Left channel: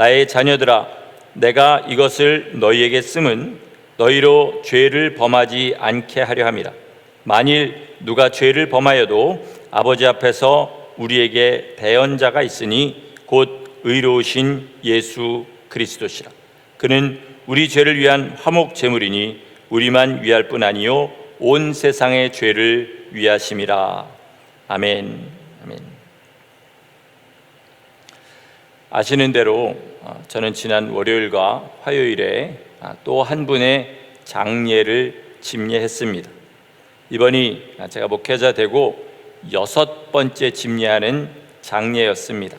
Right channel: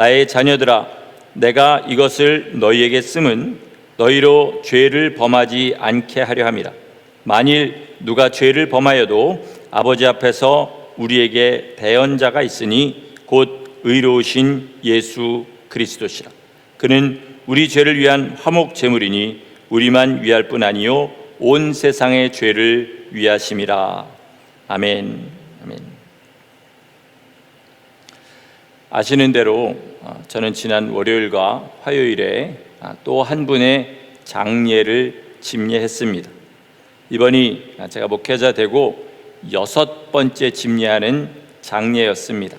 나의 자녀들아, 내가 이것을 너희에게 쓰면 너희로 죄를 범하지 않게 하려 함이라. 만일 누가 죄를 범하여도 아버지 앞에서 우리에게 대언자가 있으니 곧 의로우신 예수 그리스도시라. 그는 우리 죄를 위한 화목 제물이니 우리만 위할 뿐 아니요 온 세상의 죄를 위하심이라. 아멘. 아멘. 아시는 대로 저는 지난 월요일과 화요일에 또 한 분의 장례를 집례했습니다. 이번이 제가 목회자 되고 6번째 집례하는 장례였습니다.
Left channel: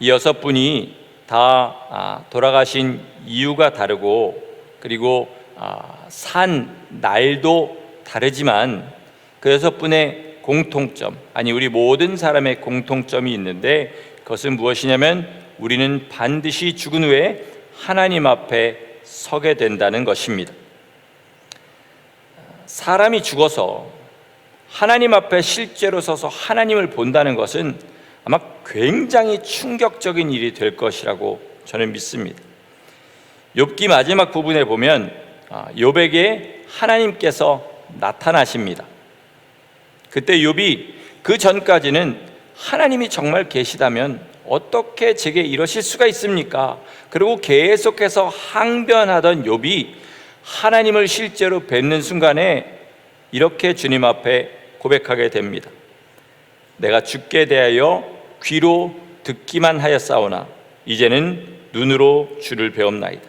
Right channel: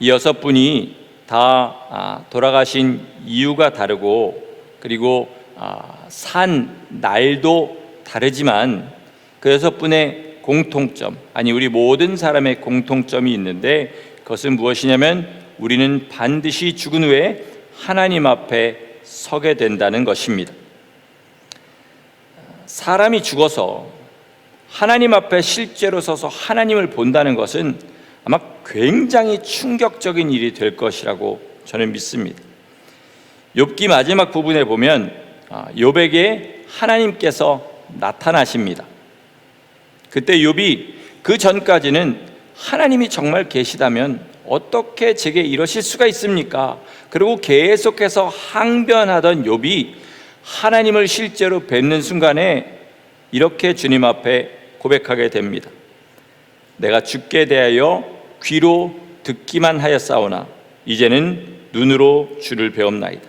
이 6분이 다 돌아가신 이유가 다르고 그리고 산 날도 다르지만 그 6분의 공통점, 아니 우리 모든 사람의 공통점이 있는데 그것은 무엇이냐면 우리는 반드시 죽은 후에 하나님 앞에 서게 된다는 것입니다. 사람이 죽어서 하나님 앞에 실제로 서서 하나님을 본다는 것은 아마 굉장히 충격적인 일이 될 것이라고 저는 믿습니다. 욥기 마지막 부분에 보면 욥에게 하나님께서 나타나십니다. 그때 욥이 그 전까지는 하나님이 정말 계시다면 어떻게 제게 이러실 수가 있습니까? 그리고 계속해서 항변하던 욥이 하나님을 실제로 뵙는 순간에 이렇게 주님 앞에 고백하게 됩니다. 내가 주께 대하여 귀로 듣기만 하였사오나 이제는 눈으로 주를 배움나이다.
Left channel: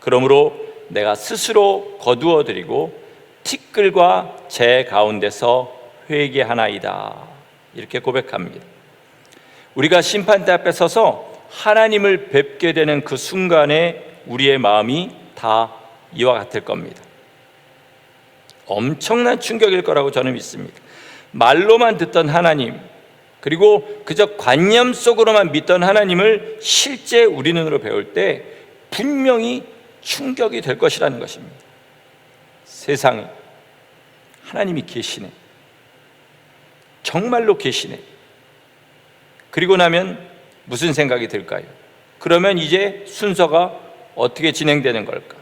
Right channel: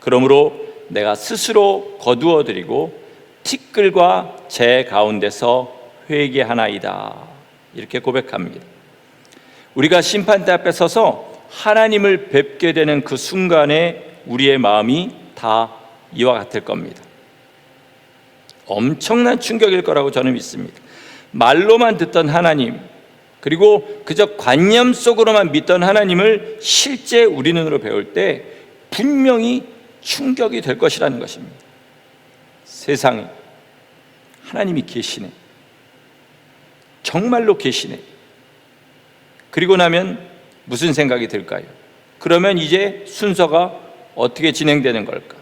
그러므로 내가 스스로 거두어드리고 티끌과 재 가운데서 회개하나이다. 이렇게 고백합니다. 우리가 심판대 앞에 서서 하나님을 뵙게 되는 그 순간에 우리의 마음이 다 이와 같을 겁니다. 엄청난 충격일 거라고 저는 믿습니다. 말로만 듣던 하나님, 그리고 그저 관념 속으로만 믿던 하나님을 실제 우리 눈으로 배울 때 분명히 충격이 될 것이라는 것입니다. 세상에 하나님이 계시네, 정말로 계시네. 그리고 나면 무슨 생각이 들까요? 그러면 이제 순서가 어떻게 진행되는 걸까?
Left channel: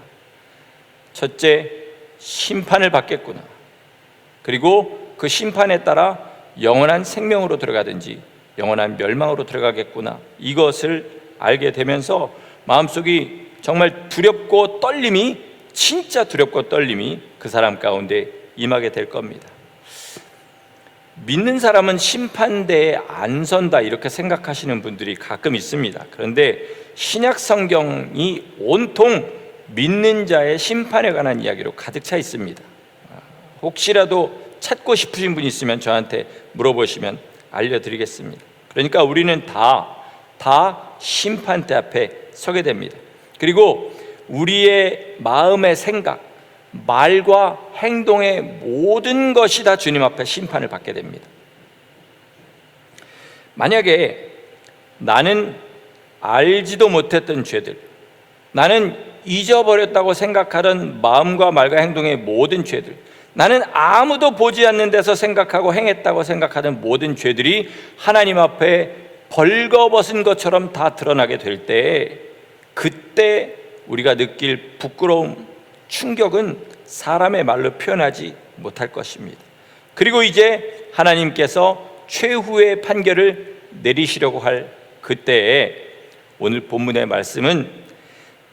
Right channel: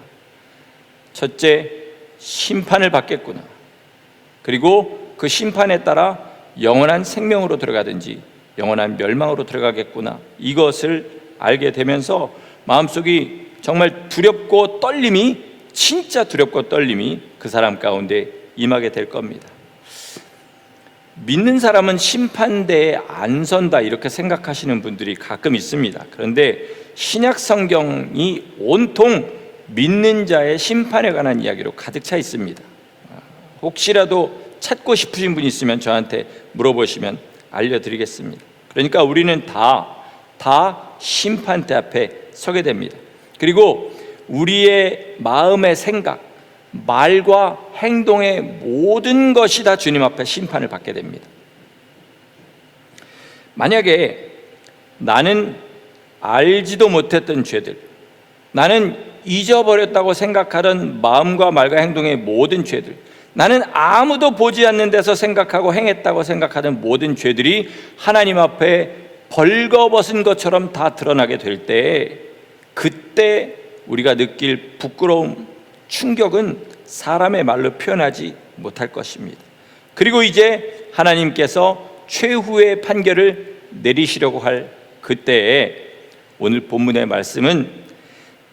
첫째, 심판을 받겠구나. 그리고 그 심판에 따라 영원한 생명으로 들어가든지 영원한 멸망으로 들어가겠구나. 이것을 알게 되면서 마음속이 정말 두렵고 떨림이, 진짜 두렵고 떨림이 그 사람 가운데 임하게 될 겁니다. 믿는 사람은 심판대에 안 선다 이렇게 생각하시는 분들이 가끔 있습니다. 그런데 신약 성경이 온통 믿는 자의 심판에 관한 이야기로 가득 차 있습니다. 혹시라도 찾고 싶으신 분이 있으면 저한테 물어보시면 알려드리겠습니다. 그러니까 우리는 다 심판대 앞에 서게 됩니다. 그리고 우리의 마음의 생각, 말과 행동의 모든 것이 다 주님 앞에 심판을 받게 됩니다. 만약에 나는 알지도 못했던 죄들, 나는 잊어버렸다고 생각하던 마음과 말과 행동의 모든 죄들, 나는 아무도 보지 않는 데서 생각하고 행했다고 생각하던 모든 죄들이 하나님 앞에 벌거벗은 것처럼 다 드러나게 될 때, 그때 우리가 느낄 부끄러움, 충격은 사람의 말로 표현하지 못할 것입니다. 그리고 이제 하나님께서 최후의 판결을 내리시려고 할 그때에 오늘 본문의 말씀은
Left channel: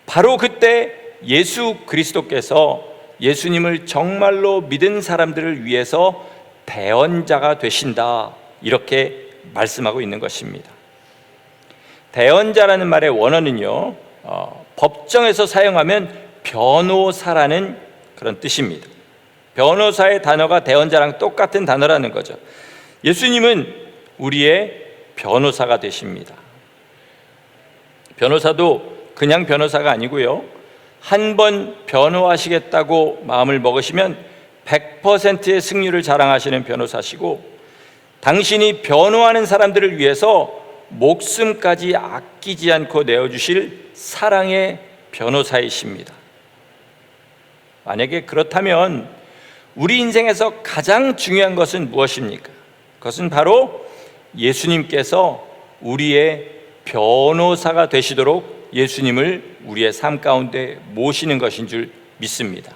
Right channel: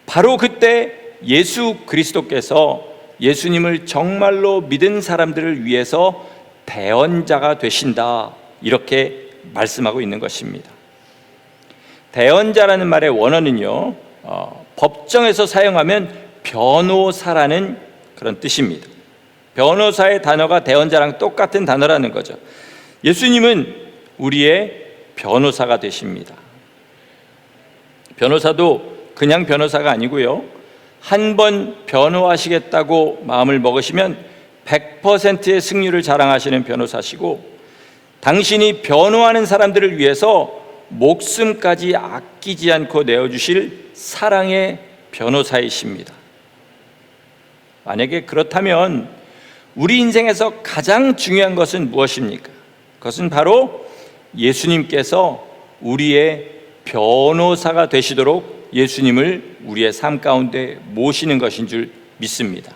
바로 그때 예수 그리스도께서 예수님을 정말로 믿은 사람들을 위해서 대언자가 되신다, 이렇게 말씀하고 있는 것입니다. 대언자라는 말의 원어는요, 법정에서 사용하면 변호사라는 그런 뜻입니다. 변호사의 단어가 대언자랑 똑같은 단어라는 거죠. 예수님은 우리의 변호사가 되십니다. 변호사도 그냥 변호사가 아니고요, 한 번 변호하시겠다고 마음을 먹으시면 100%의 승률을 자랑하시는 변호사시고, 당신이 변호하는 사람들을 위해서 목숨까지 아끼지 않고 내어주실 사랑의 변호사이십니다. 만약에 그렇다면 우리 인생에서 가장 중요한 것은 무엇입니까? 그것은 바로 예수님께서 우리의 변호사가 되시도록 예수님을 우리의 삶 가운데 모시는 것인 줄 믿습니다.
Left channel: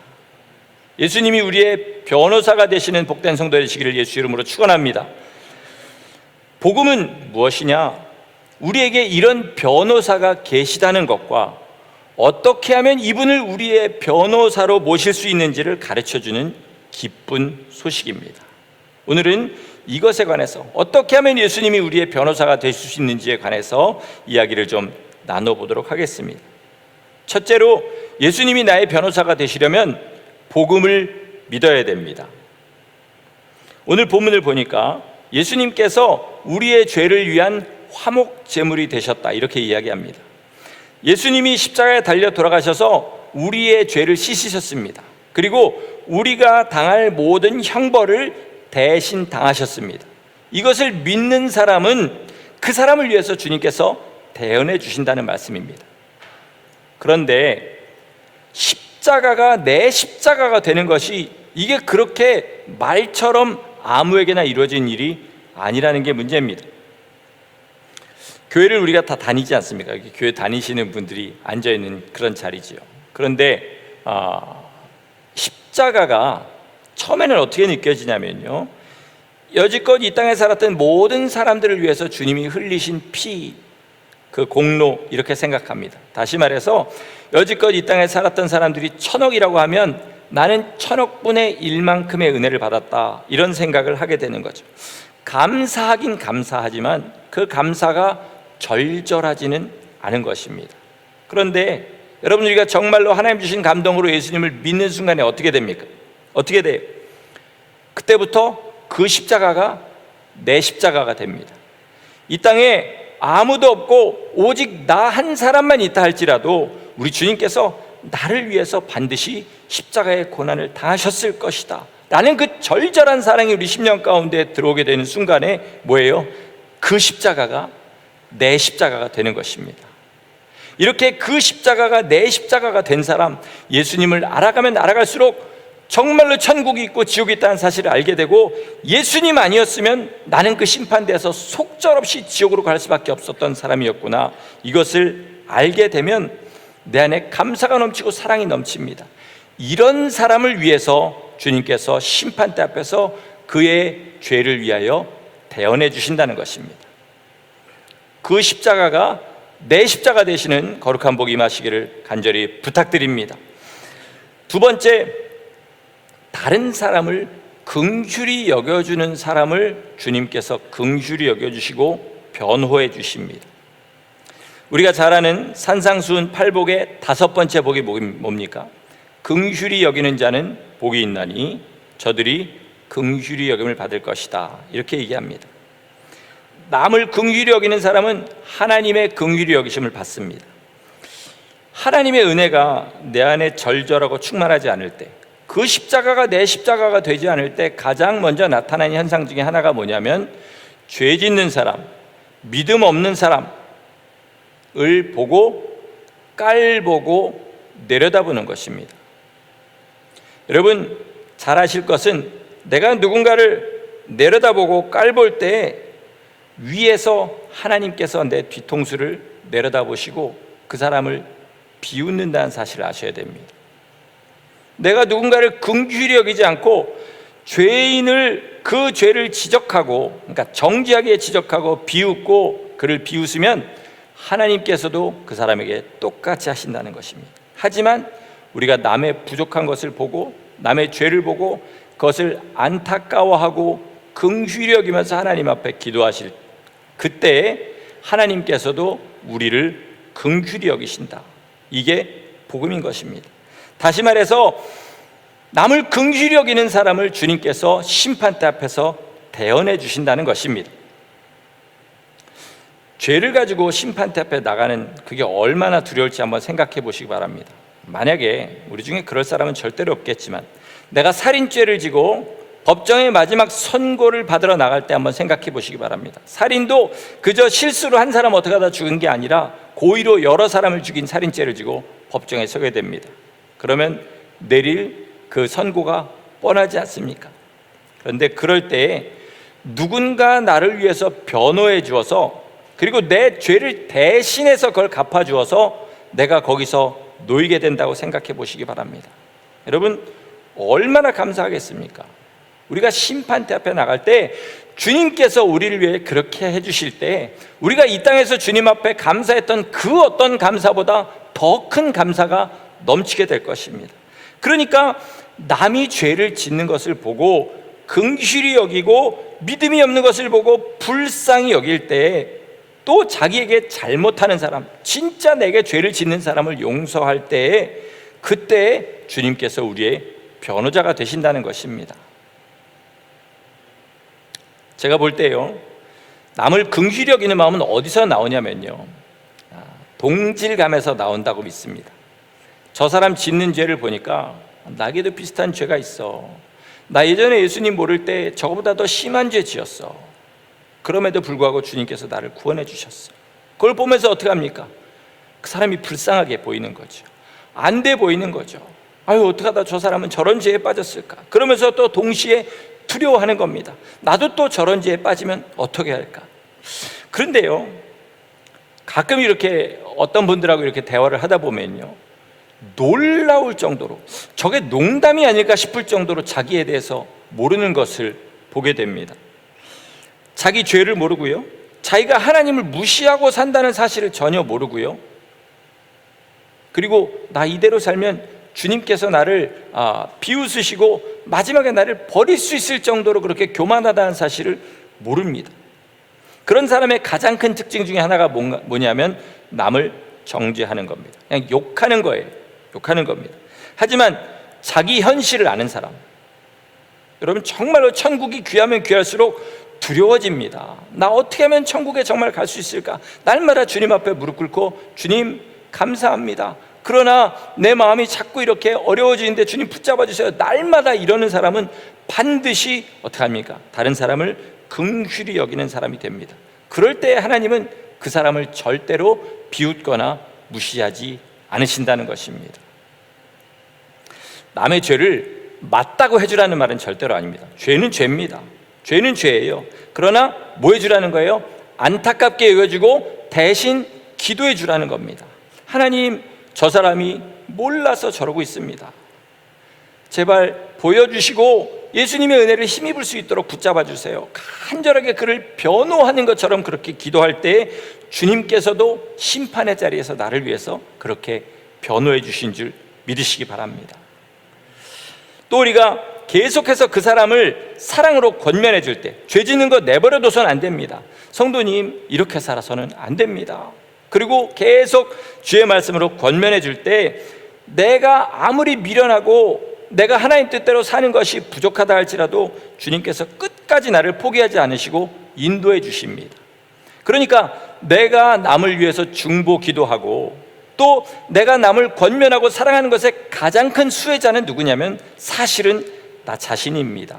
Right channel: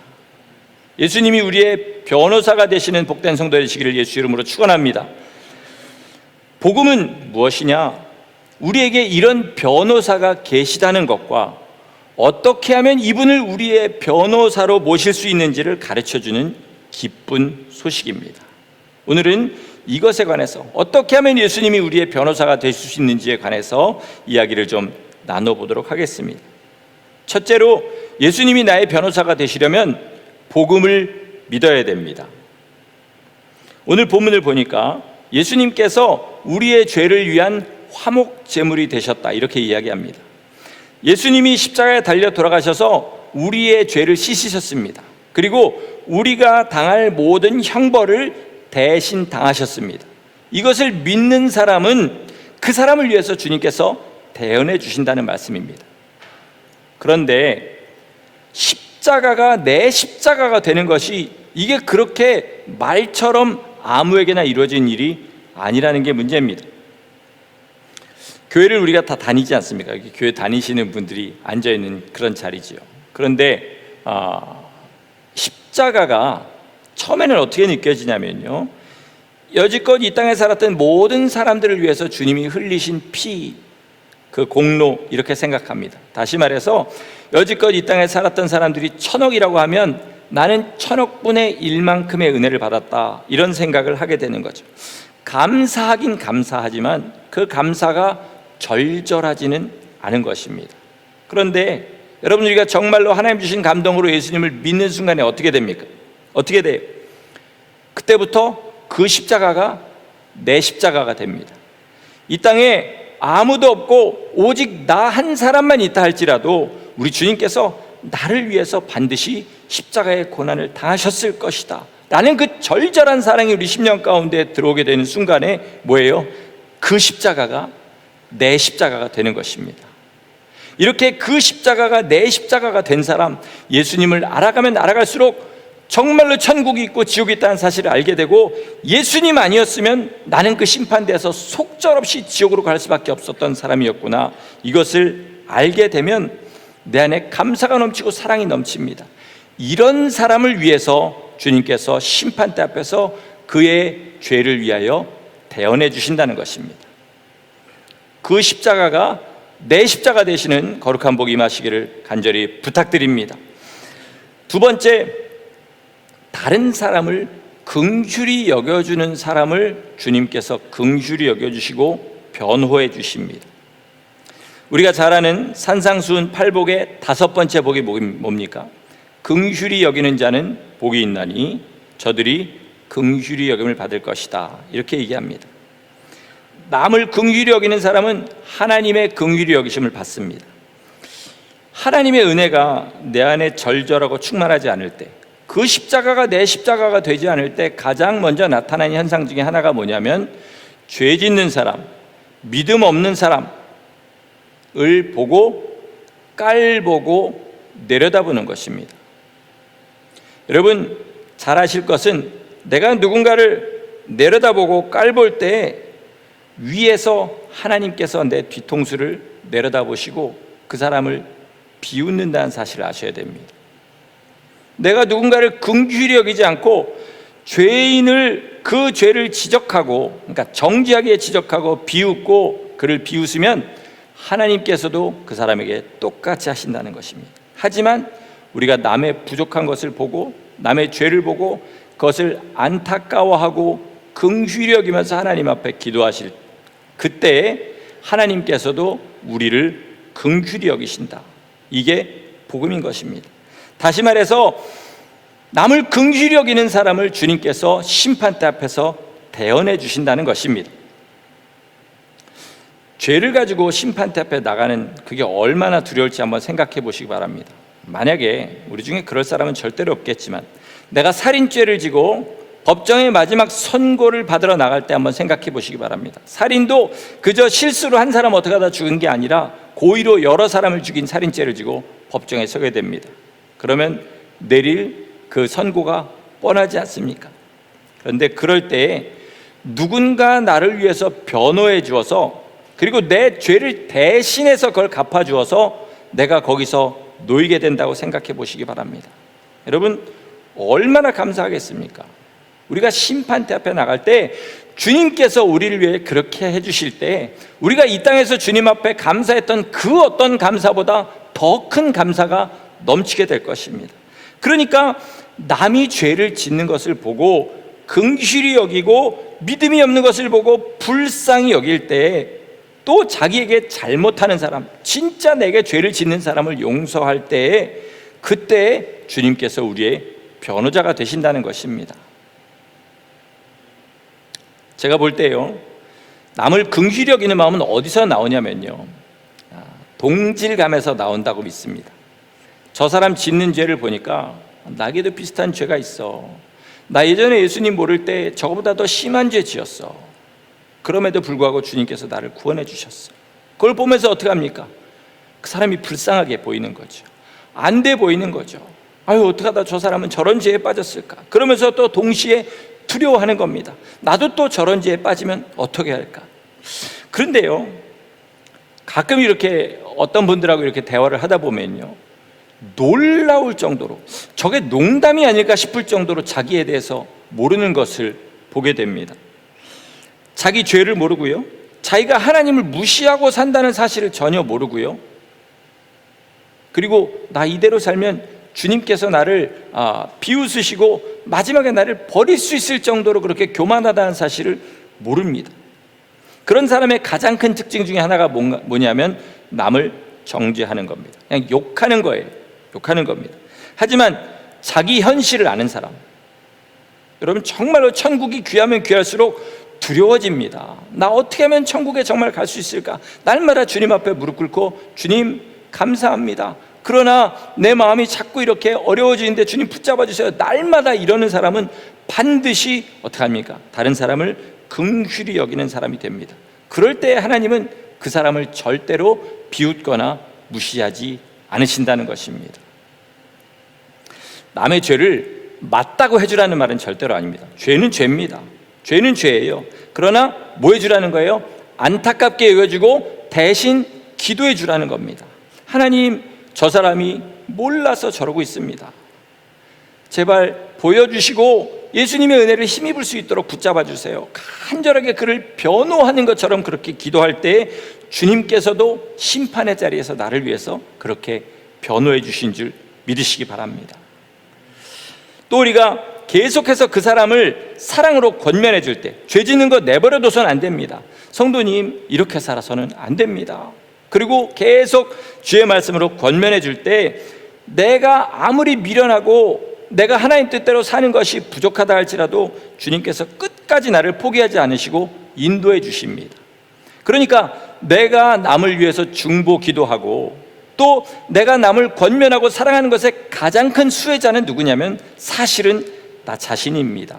예수님이 우리의 변호사가 되시는 복된 성도 되시기를 예수 이름으로 축원합니다. 복음은 무엇이냐? 우리에게 이런 변호사가 계시다는 것과 어떻게 하면 이분을 우리의 변호사로 모실 수 있는지를 가르쳐주는 기쁜 소식입니다. 오늘은 이것에 관해서 어떻게 하면 예수님이 우리의 변호사가 되실 수 있는지에 관해서 이야기를 좀 나눠보도록 하겠습니다. 첫째로 예수님이 나의 변호사가 되시려면 복음을 믿어야 됩니다. 오늘 본문을 보니까 예수님께서 우리의 죄를 위한 화목 제물이 되셨다 이렇게 이야기합니다. 예수님이 십자가에 달려 돌아가셔서 우리의 죄를 씻으셨습니다. 그리고 우리가 당할 모든 형벌을 대신 당하셨습니다. 이것을 믿는 사람은 그 사람을 위해서 주님께서 대언해 주신다는 말씀입니다. 그런데 십자가가 내 십자가가 되는 것이 이게 그렇게 말처럼 아무에게나 이루어진 일이 아니라는 게 문제입니다. 교회를 우리가 다 다니지 않습니까? 교회 다니시는 분들이 앉아있는 그런 자리지요. 그런데 십자가가 처음에는 어떻게 느껴지냐면요, 여지껏 이 땅에 살았던 모든 사람들을 위해서 주님이 흘리신 피, 그 공로 이렇게 생각합니다. 다시 말해서 여지껏 이 땅에 살았던 사람들이 1000억이라고 하면 나는 1000억분의 1만큼의 은혜를 받았다 이런 생각을 하게 되는 거죠. 감사하긴 감사하지만 그 감사가 절절하지는 않은 것입니다. 그런데 여러분, 우리가 정말로 하나님 주신 감동으로 예수님을 믿는 순간에 어떻게 됩니까? 어떻게 돼요? 그때부터 그 십자가가 내 십자가가 됩니다. 이 땅에 아무도 없고 오직 나 한 사람만 있다 할지라도 우리 주님께서 나를 위해서 반드시 십자가의 고난을 당하셨을 것이다 라는 그 절절한 사랑이 우리 심령 가운데 들어오게 되는 순간에 뭐예요? 그 십자가가 내 십자가가 되는 것입니다. 이렇게 그 십자가가 내 십자가가 된 사람, 예수님을 알아가면 알아갈수록 정말로 천국이 있고 지옥이 있다는 사실을 알게 되고, 예수님 아니었으면 나는 그 심판대에서 속절없이 지옥으로 갈 수밖에 없었던 사람이었구나, 이것을 알게 되면 내 안에 감사가 넘치고 사랑이 넘칩니다. 이런 사람을 위해서 주님께서 심판대 앞에서 그의 죄를 위하여 대언해 주신다는 것입니다. 그 십자가가 내 십자가 되시는 거룩한 복 임하시기를 간절히 부탁드립니다. 두 번째, 다른 사람을 긍휼히 여겨주는 사람을 주님께서 긍휼히 여겨주시고 변호해 주십니다. 우리가 잘 아는 산상수훈 8복의 5번째 복이 뭡니까? 긍휼히 여기는 자는 복이 있나니 저들이 긍휼히 여김을 받을 것이다 이렇게 얘기합니다. 남을 긍휼히 여기는 사람은 하나님의 긍휼히 여기심을 받습니다. 하나님의 은혜가 내 안에 절절하고 충만하지 않을 때, 그 십자가가 내 십자가가 되지 않을 때 가장 먼저 나타나는 현상 중에 하나가 뭐냐면, 죄 짓는 사람, 믿음 없는 사람을 보고 깔보고 내려다보는 것입니다. 여러분 잘 아실 것은, 내가 누군가를 내려다보고 깔볼 때 위에서 하나님께서 내 뒤통수를 내려다보시고 그 사람을 비웃는다는 사실을 아셔야 됩니다. 내가 누군가를 긍휼히 여기지 않고 죄인을, 그 죄를 지적하고, 그러니까 정지하게 지적하고 비웃고 그를 비웃으면 하나님께서도 그 사람에게 똑같이 하신다는 것입니다. 하지만 우리가 남의 부족한 것을 보고 남의 죄를 보고 그것을 안타까워하고 긍휼히 여기면서 하나님 앞에 기도하실 그때 하나님께서도 우리를 긍휼히 여기신다. 이게 복음인 것입니다. 다시 말해서 남을 긍휼히 여기는 사람을 주님께서 심판대 앞에서 대언해 주신다는 것입니다. 죄를 가지고 심판대 앞에 나가는 그게 얼마나 두려울지 한번 생각해 보시기 바랍니다. 만약에 우리 중에 그럴 사람은 절대로 없겠지만, 내가 살인죄를 지고 법정의 마지막 선고를 받으러 나갈 때 한번 생각해 보시기 바랍니다. 살인도 그저 실수로 한 사람 어떻게 하다 죽은 게 아니라 고의로 여러 사람을 죽인 살인죄를 지고 법정에 서게 됩니다. 그러면 내릴 그 선고가 뻔하지 않습니까? 그런데 그럴 때에 누군가 나를 위해서 변호해 주어서 그리고 내 죄를 대신해서 그걸 갚아주어서 내가 거기서 놓이게 된다고 생각해 보시기 바랍니다. 여러분, 얼마나 감사하겠습니까? 우리가 심판대 앞에 나갈 때 주님께서 우리를 위해 그렇게 해주실 때 우리가 이 땅에서 주님 앞에 감사했던 그 어떤 감사보다 더 큰 감사가 넘치게 될 것입니다. 그러니까 남이 죄를 짓는 것을 보고 긍휼히 여기고 믿음이 없는 것을 보고 불쌍히 여길 때 또 자기에게 잘못하는 사람, 진짜 내게 죄를 짓는 사람을 용서할 때에 그때 주님께서 우리의 변호자가 되신다는 것입니다. 제가 볼 때요, 남을 긍휼히 여기는 마음은 어디서 나오냐면요, 동질감에서 나온다고 믿습니다. 저 사람 짓는 죄를 보니까 나에게도 비슷한 죄가 있어. 나 예전에 예수님 모를 때 저거보다 더 심한 죄 지었어. 그럼에도 불구하고 주님께서 나를 구원해 주셨어. 그걸 보면서 어떻게 합니까? 그 사람이 불쌍하게 보이는 거죠. 안 돼 보이는 거죠. 아유, 어떡하다 저 사람은 저런 죄에 빠졌을까? 그러면서 또 동시에 두려워하는 겁니다. 나도 또 저런 죄에 빠지면 어떻게 할까? 그런데요, 가끔 이렇게 어떤 분들하고 이렇게 대화를 하다 보면요, 놀라울 정도로, 저게 농담이 아닐까 싶을 정도로 자기에 대해서 모르는 것을 보게 됩니다. 자기 죄를 모르고요, 자기가 하나님을 무시하고 산다는 사실을 전혀 모르고요, 그리고 나 이대로 살면 주님께서 나를 비웃으시고 마지막에 나를 버릴 수 있을 정도로 그렇게 교만하다는 사실을 모릅니다. 그런 사람의 가장 큰 특징 중에 하나가 뭐냐면 남을 정죄하는 겁니다. 그냥 욕하는 거예요. 욕하는 겁니다. 하지만 자기 현실을 아는 사람, 여러분, 정말로 천국이 귀하면 귀할수록 두려워집니다. 나 어떻게 하면 천국에 정말 갈 수 있을까? 날마다 주님 앞에 무릎 꿇고 주님 감사합니다. 그러나 내 마음이 자꾸 이렇게 어려워지는데 주님 붙잡아 주세요. 날마다 이러는 사람은 반드시 어떻게 합니까? 다른 사람을 긍휼히 여기는 사람이 됩니다. 그럴 때 하나님은 그 사람을 절대로 비웃거나 무시하지 않으신다는 것입니다. 남의 죄를 맞다고 해주라는 말은 절대로 아닙니다. 죄는 죄입니다. 죄는 죄예요. 그러나 뭐 해주라는 거예요? 안타깝게 여겨주고 대신 기도해 주라는 겁니다. 하나님, 저 사람이 몰라서 저러고 있습니다. 제발 보여주시고 예수님의 은혜를 힘입을 수 있도록 붙잡아 주세요. 간절하게 그를 변호하는 것처럼 그렇게 기도할 때 주님께서도 심판의 자리에서 나를 위해서 그렇게 변호해 주신 줄 믿으시기 바랍니다. 또 우리가 계속해서 그 사람을 사랑으로 권면해 줄 때, 죄 짓는 거 내버려 둬서는 안 됩니다. 성도님, 이렇게 살아서는 안 됩니다. 그리고 계속 주의 말씀으로 권면해 줄 때 내가 아무리 미련하고 내가 하나님 뜻대로 사는 것이 부족하다 할지라도 주님께서 끝까지 나를 포기하지 않으시고 인도해 주십니다. 그러니까 내가 남을 위해서 중보 기도하고 또 내가 남을 권면하고 사랑하는 것의 가장 큰 수혜자는 누구냐면 사실은 나 자신입니다.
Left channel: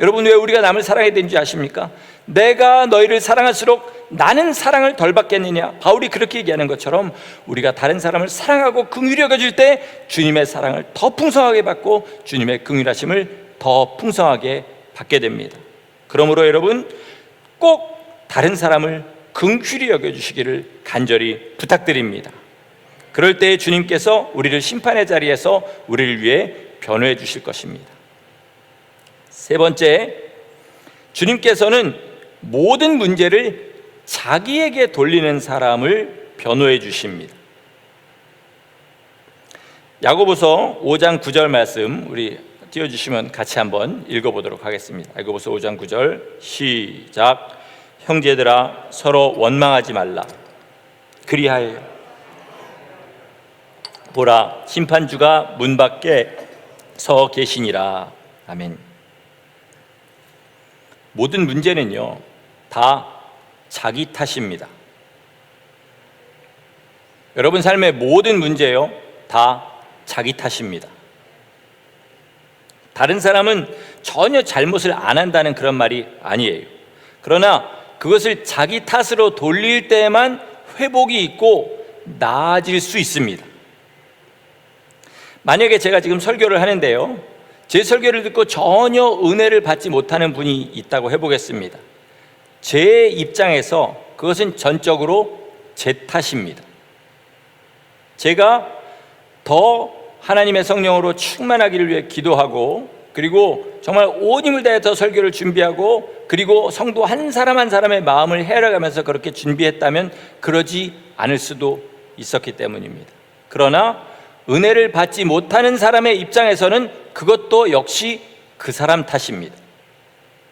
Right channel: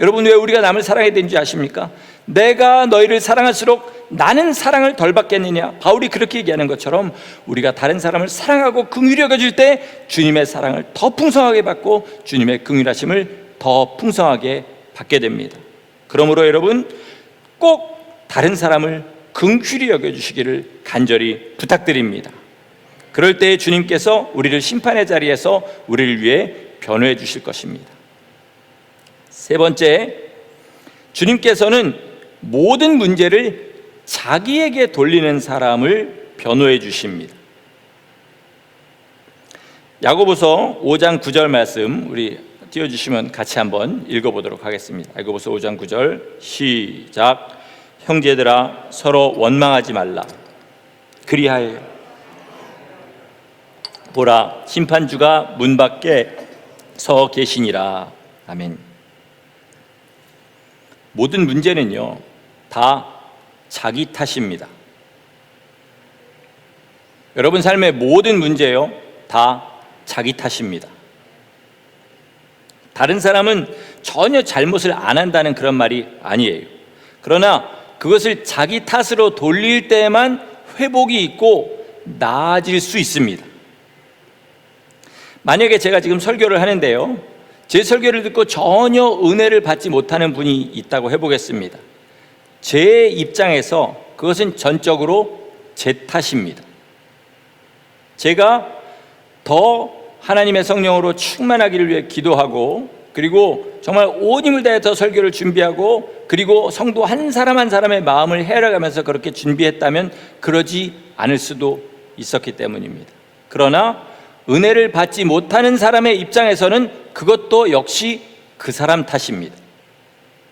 여러분, 왜 우리가 남을 사랑해야 되는지 아십니까? 내가 너희를 사랑할수록 나는 사랑을 덜 받겠느냐. 바울이 그렇게 얘기하는 것처럼 우리가 다른 사람을 사랑하고 긍휼히 여겨줄 때 주님의 사랑을 더 풍성하게 받고 주님의 긍휼하심을 더 풍성하게 받게 됩니다. 그러므로 여러분, 꼭 다른 사람을 긍휼히 여겨주시기를 간절히 부탁드립니다. 그럴 때 주님께서 우리를 심판의 자리에서 우리를 위해 변호해 주실 것입니다. 세 번째, 주님께서는 모든 문제를 자기에게 돌리는 사람을 변호해 주십니다. 야고보서 5장 9절 말씀 우리 띄워주시면 같이 한번 읽어보도록 하겠습니다. 야고보서 5장 9절 시작. 형제들아, 서로 원망하지 말라. 그리하여 보라, 심판주가 문 밖에 서 계시니라. 아멘. 모든 문제는요, 다 자기 탓입니다. 여러분 삶의 모든 문제요, 다 자기 탓입니다. 다른 사람은 전혀 잘못을 안 한다는 그런 말이 아니에요. 그러나 그것을 자기 탓으로 돌릴 때만 회복이 있고 나아질 수 있습니다. 만약에 제가 지금 설교를 하는데요, 제 설교를 듣고 전혀 은혜를 받지 못하는 분이 있다고 해보겠습니다. 제 입장에서 그것은 전적으로 제 탓입니다. 제가 더 하나님의 성령으로 충만하기를 위해 기도하고, 그리고 정말 온 힘을 다해 더 설교를 준비하고, 그리고 성도 한 사람 한 사람의 마음을 헤아려가면서 그렇게 준비했다면 그러지 않을 수도 있었기 때문입니다. 그러나 은혜를 받지 못하는 사람의 입장에서는 그것도 역시 그 사람 탓입니다.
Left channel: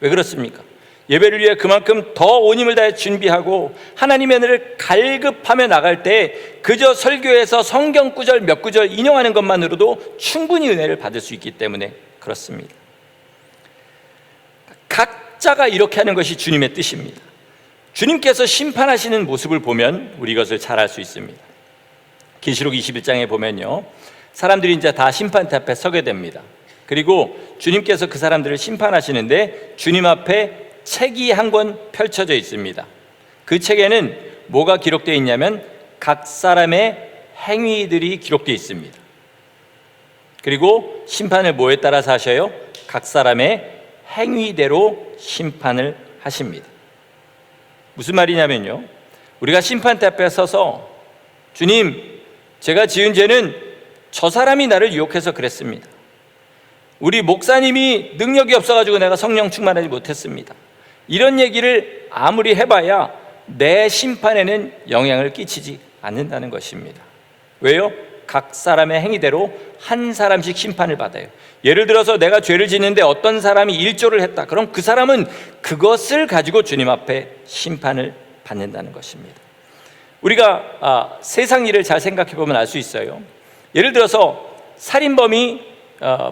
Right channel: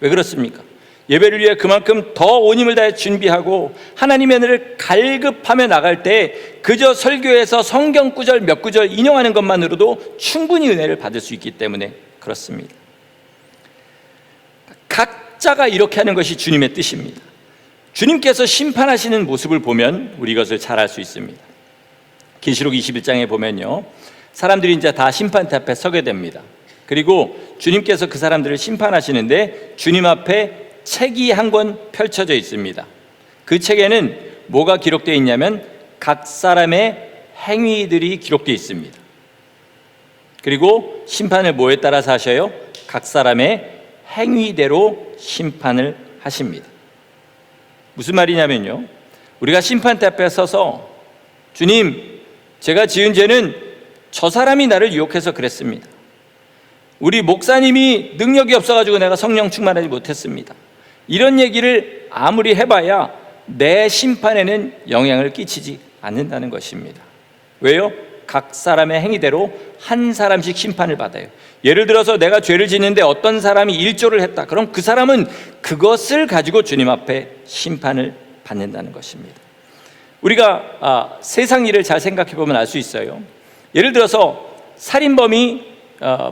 왜 그렇습니까? 예배를 위해 그만큼 더 온 힘을 다해 준비하고 하나님의 은혜를 갈급하며 나갈 때 그저 설교에서 성경 구절 몇 구절 인용하는 것만으로도 충분히 은혜를 받을 수 있기 때문에 그렇습니다. 각자가 이렇게 하는 것이 주님의 뜻입니다. 주님께서 심판하시는 모습을 보면 우리 이것을 잘 알 수 있습니다. 계시록 21장에 보면요, 사람들이 이제 다 심판대 앞에 서게 됩니다. 그리고 주님께서 그 사람들을 심판하시는데 주님 앞에 책이 한 권 펼쳐져 있습니다. 그 책에는 뭐가 기록되어 있냐면 각 사람의 행위들이 기록되어 있습니다. 그리고 심판을 뭐에 따라서 하셔요? 각 사람의 행위대로 심판을 하십니다. 무슨 말이냐면요, 우리가 심판대 앞에 서서 주님, 제가 지은 죄는 저 사람이 나를 유혹해서 그랬습니다. 우리 목사님이 능력이 없어가지고 내가 성령 충만하지 못했습니다. 이런 얘기를 아무리 해봐야 내 심판에는 영향을 끼치지 않는다는 것입니다. 왜요? 각 사람의 행위대로 한 사람씩 심판을 받아요. 예를 들어서 내가 죄를 짓는데 어떤 사람이 일조를 했다. 그럼 그 사람은 그것을 가지고 주님 앞에 심판을 받는다는 것입니다. 우리가 세상 일을 잘 생각해 보면 알 수 있어요. 예를 들어서 살인범이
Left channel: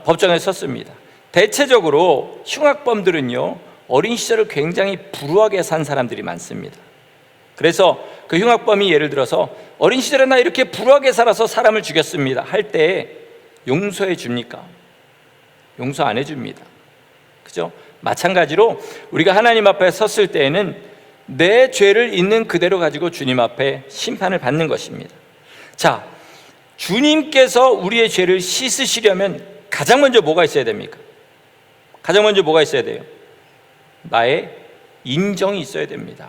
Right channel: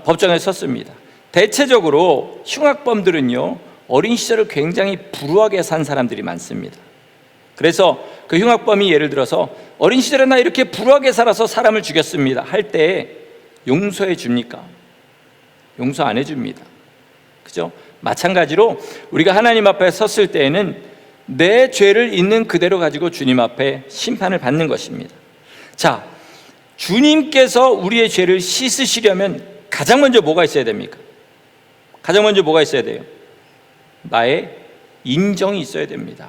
법정에 섰습니다. 대체적으로 흉악범들은요, 어린 시절을 굉장히 불우하게 산 사람들이 많습니다. 그래서 그 흉악범이 예를 들어서 어린 시절에 나 이렇게 불우하게 살아서 사람을 죽였습니다 할 때 용서해 줍니까? 용서 안 해줍니다. 그죠? 마찬가지로 우리가 하나님 앞에 섰을 때에는 내 죄를 있는 그대로 가지고 주님 앞에 심판을 받는 것입니다. 자, 주님께서 우리의 죄를 씻으시려면 가장 먼저 뭐가 있어야 됩니까? 가장 먼저 뭐가 있어야 돼요? 나의 인정이 있어야 됩니다.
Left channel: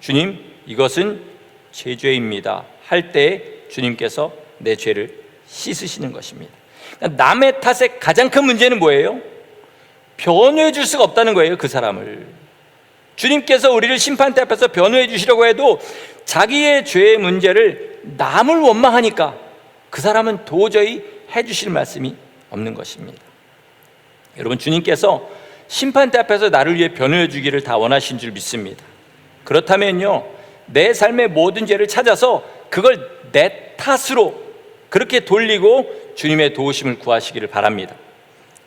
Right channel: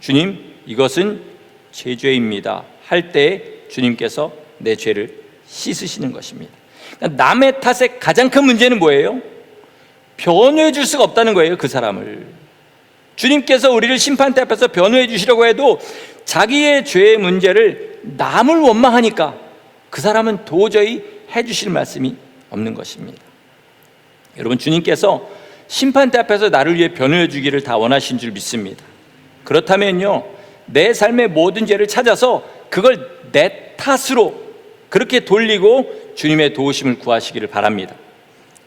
주님, 이것은 제 죄입니다 할 때 주님께서 내 죄를 씻으시는 것입니다. 그러니까 남의 탓의 가장 큰 문제는 뭐예요? 변호해 줄 수가 없다는 거예요. 그 사람을 주님께서 우리를 심판대 앞에서 변호해 주시려고 해도 자기의 죄의 문제를 남을 원망하니까 그 사람은 도저히 해 주실 말씀이 없는 것입니다. 여러분, 주님께서 심판대 앞에서 나를 위해 변호해 주기를 다 원하신 줄 믿습니다. 그렇다면요, 내 삶의 모든 죄를 찾아서 그걸 내 탓으로 그렇게 돌리고 주님의 도우심을 구하시기를 바랍니다.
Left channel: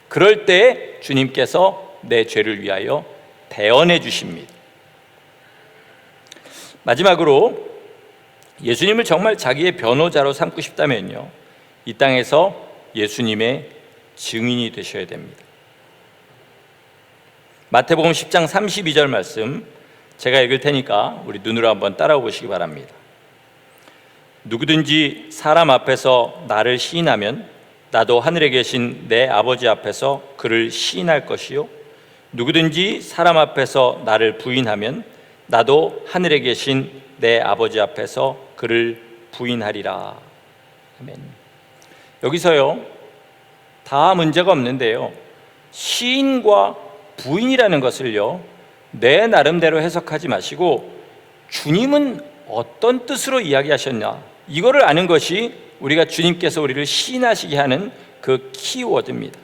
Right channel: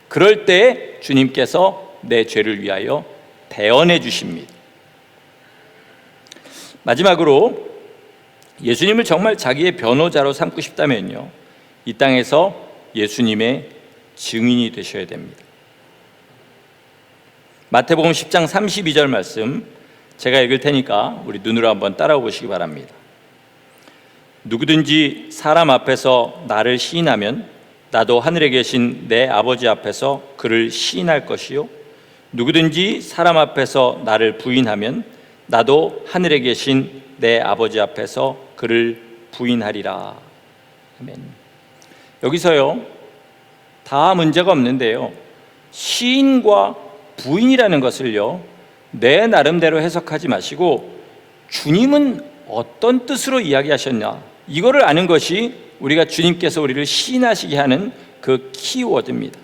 그럴 때 주님께서 내 죄를 위하여 대언해 주십니다. 마지막으로 예수님을 정말 자기의 변호자로 삼고 싶다면요, 이 땅에서 예수님의 증인이 되셔야 됩니다. 마태복음 10장 32절 말씀 제가 읽을 테니까 우리 눈으로 한번 따라오 보시기 바랍니다. 누구든지 사람 앞에서 나를 시인하면 나도 하늘에 계신 내 아버지 앞에서 그를 시인할 것이요, 누구든지 사람 앞에서 나를 부인하면 나도 하늘에 계신 내 아버지 앞에서 그를 부인하리라. 아멘. 여기서요, 다 문제가 없는데요, 시인과 부인이라는 것을요, 내 나름대로 해석하지 마시고 주님은 어떤 뜻으로 이야기하셨냐, 이거를 아는 것이 우리가 주님께서 우리를 시인하시게 하는 그 키워드입니다.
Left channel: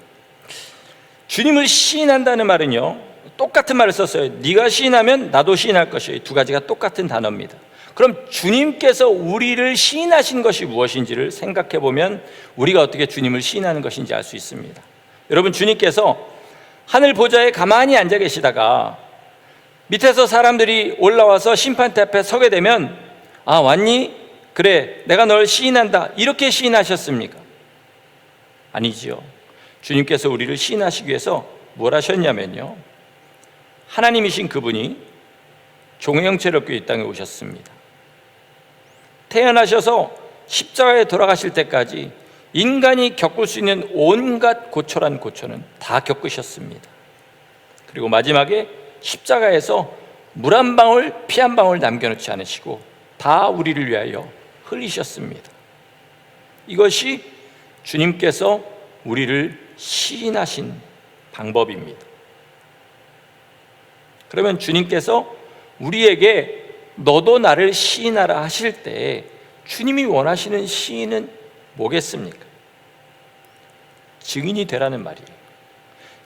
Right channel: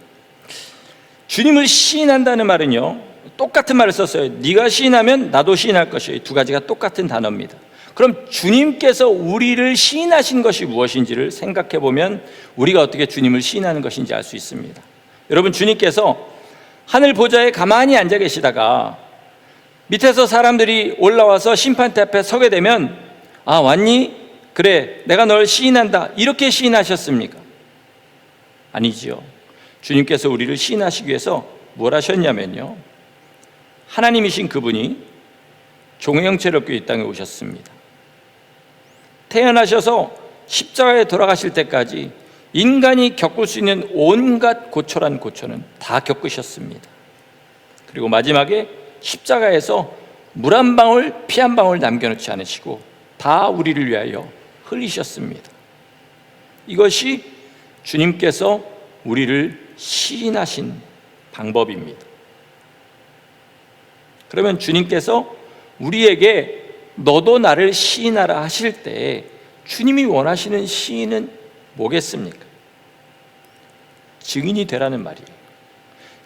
주님을 시인한다는 말은요, 똑같은 말을 썼어요. 네가 시인하면 나도 시인할 것이에요. 두 가지가 똑같은 단어입니다. 그럼 주님께서 우리를 시인하신 것이 무엇인지를 생각해 보면 우리가 어떻게 주님을 시인하는 것인지 알 수 있습니다. 여러분, 주님께서 하늘 보좌에 가만히 앉아 계시다가 밑에서 사람들이 올라와서 심판대 앞에 서게 되면, 아, 왔니? 그래, 내가 널 시인한다, 이렇게 시인하셨습니까? 아니지요. 주님께서 우리를 시인하시기 위해서 뭘 하셨냐면요, 하나님이신 그분이 종의 형체롭게 이 땅에 오셨습니다. 태어나셔서 십자가에 돌아가실 때까지 인간이 겪을 수 있는 온갖 고초란 고초는 다 겪으셨습니다. 그리고 마지막에 십자가에서 물 한 방울, 피 한 방울 남겨놓지 않으시고 다 우리를 위하여 흘리셨습니다. 이것이 주님께서 우리를 시인하신 방법입니다. 그러면 주님께서 우리에게 너도 나를 시인하라 하실 때 주님이 원하시는 시인은 뭐겠습니까? 증인이 되라는 말이에요.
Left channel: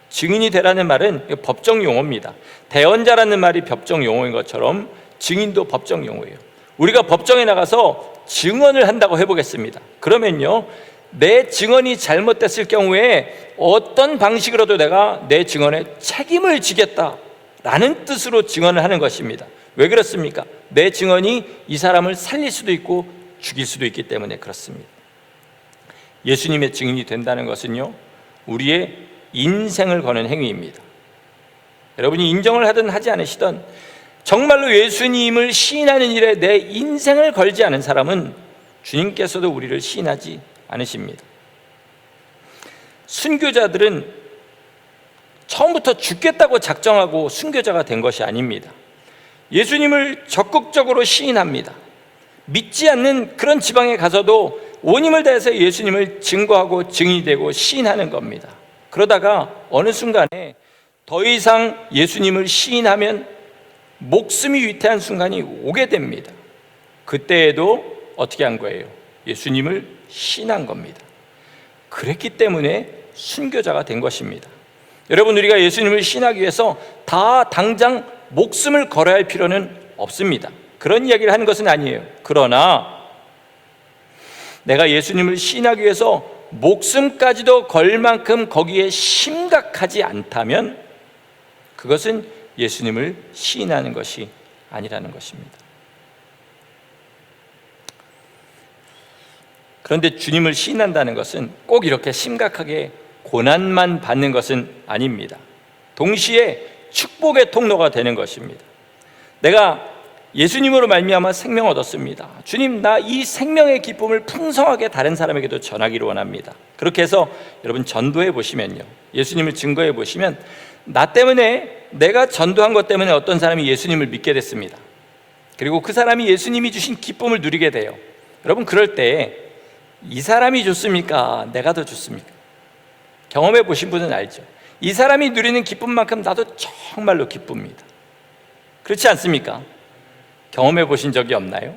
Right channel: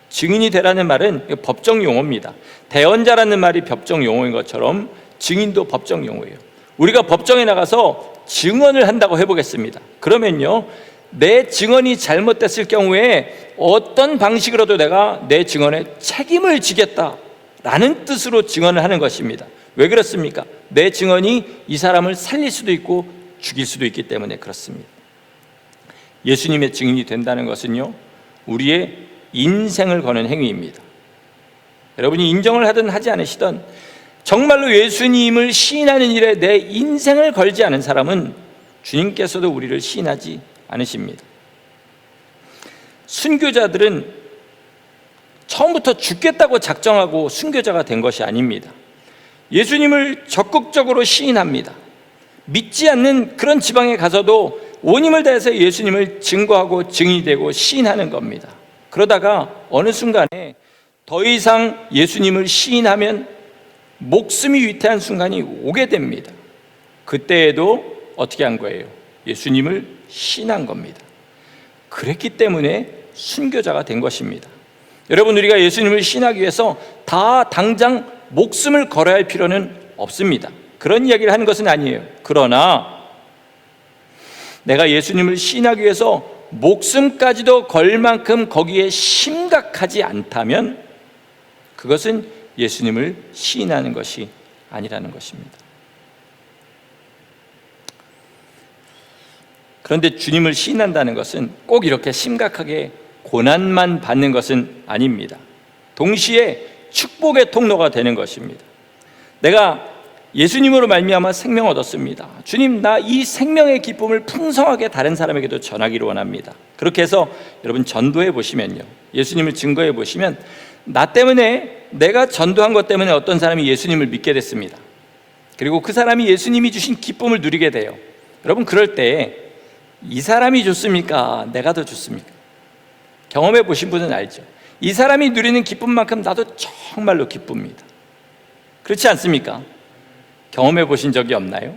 증인이 되라는 말은 법정 용어입니다. 대언자라는 말이 법정 용어인 것처럼 증인도 법정 용어예요. 우리가 법정에 나가서 증언을 한다고 해보겠습니다. 그러면요, 내 증언이 잘못됐을 경우에 어떤 방식으로도 내가 내 증언에 책임을 지겠다라는 뜻으로 증언을 하는 것입니다. 왜 그렇습니까? 내 증언이 이 사람을 살릴 수도 있고 죽일 수도 있기 때문에 그렇습니다. 예수님의 증인이 된다는 것은요, 우리의 인생을 거는 행위입니다. 여러분이 인정을 하든 하지 않으시든 정말로 예수님을 시인하는 일에 내 인생을 걸지 않은 사람은 주님께서도 우리를 시인하지 않으십니다. 순교자들은 처음부터 죽겠다고 작정하고 순교자가 된 것이 아닙니다. 예수님을 적극적으로 시인합니다. 믿지 않는 그런 지방에 가서도 온 힘을 다해서 예수님을 증거하고 증인이 되고 시인하는 겁니다. 그러다가 어느 순간에 더 이상 예수님을 시인하면 목숨이 위태한 순간이 오게 됩니다. 그때에도 어떻게 한 거예요? 예수님을 시인한 겁니다. 그랬기 때문에 순교자가 된 것입니다. 여러분, 우리가 예수님을 시인하기 위해서 다 당장 목숨을 걸어야 할 필요는 없습니다. 그런 이야기를 하는 것은 아니에요. 그러나 내가 예수님을 시인하기 위해서 목숨까지도 걸 만큼 거기에 심각하지 않다면 그것은 예수님을 시인하는 것이 아니라는 것입니다. 그런데 주님을 시인한다는 것은 꼭 이렇게 심각하게 고난만 받는 것은 아닙니다. 동시에 축복의 통로가 되는 것입니다. 내가 예수님으로 말미암아 생명 얻었습니다. 주님, 나 이 생명의 기쁨을 풍성하게 다른 사람에게도 전하기를 원합니다. 그렇게 해서 여러분 전도해 보시면요, 예수님을 증거해 보시면 나 때문에, 내가 전도한 것 때문에 어떤 사람이 예수님을 믿게 됐습니다. 그리고 그 사람이 예수님이 주신 기쁨을 누리게 돼요. 여러분, 그럴 때 이 사람이 좋습니까? 내가 더 좋습니까? 경험해 보신 분은 알죠. 이 사람이 누리는 기쁨만큼 나도 정말로 기쁩니다. 그렇지 않습니까? 경험해 보신 적이 없나요?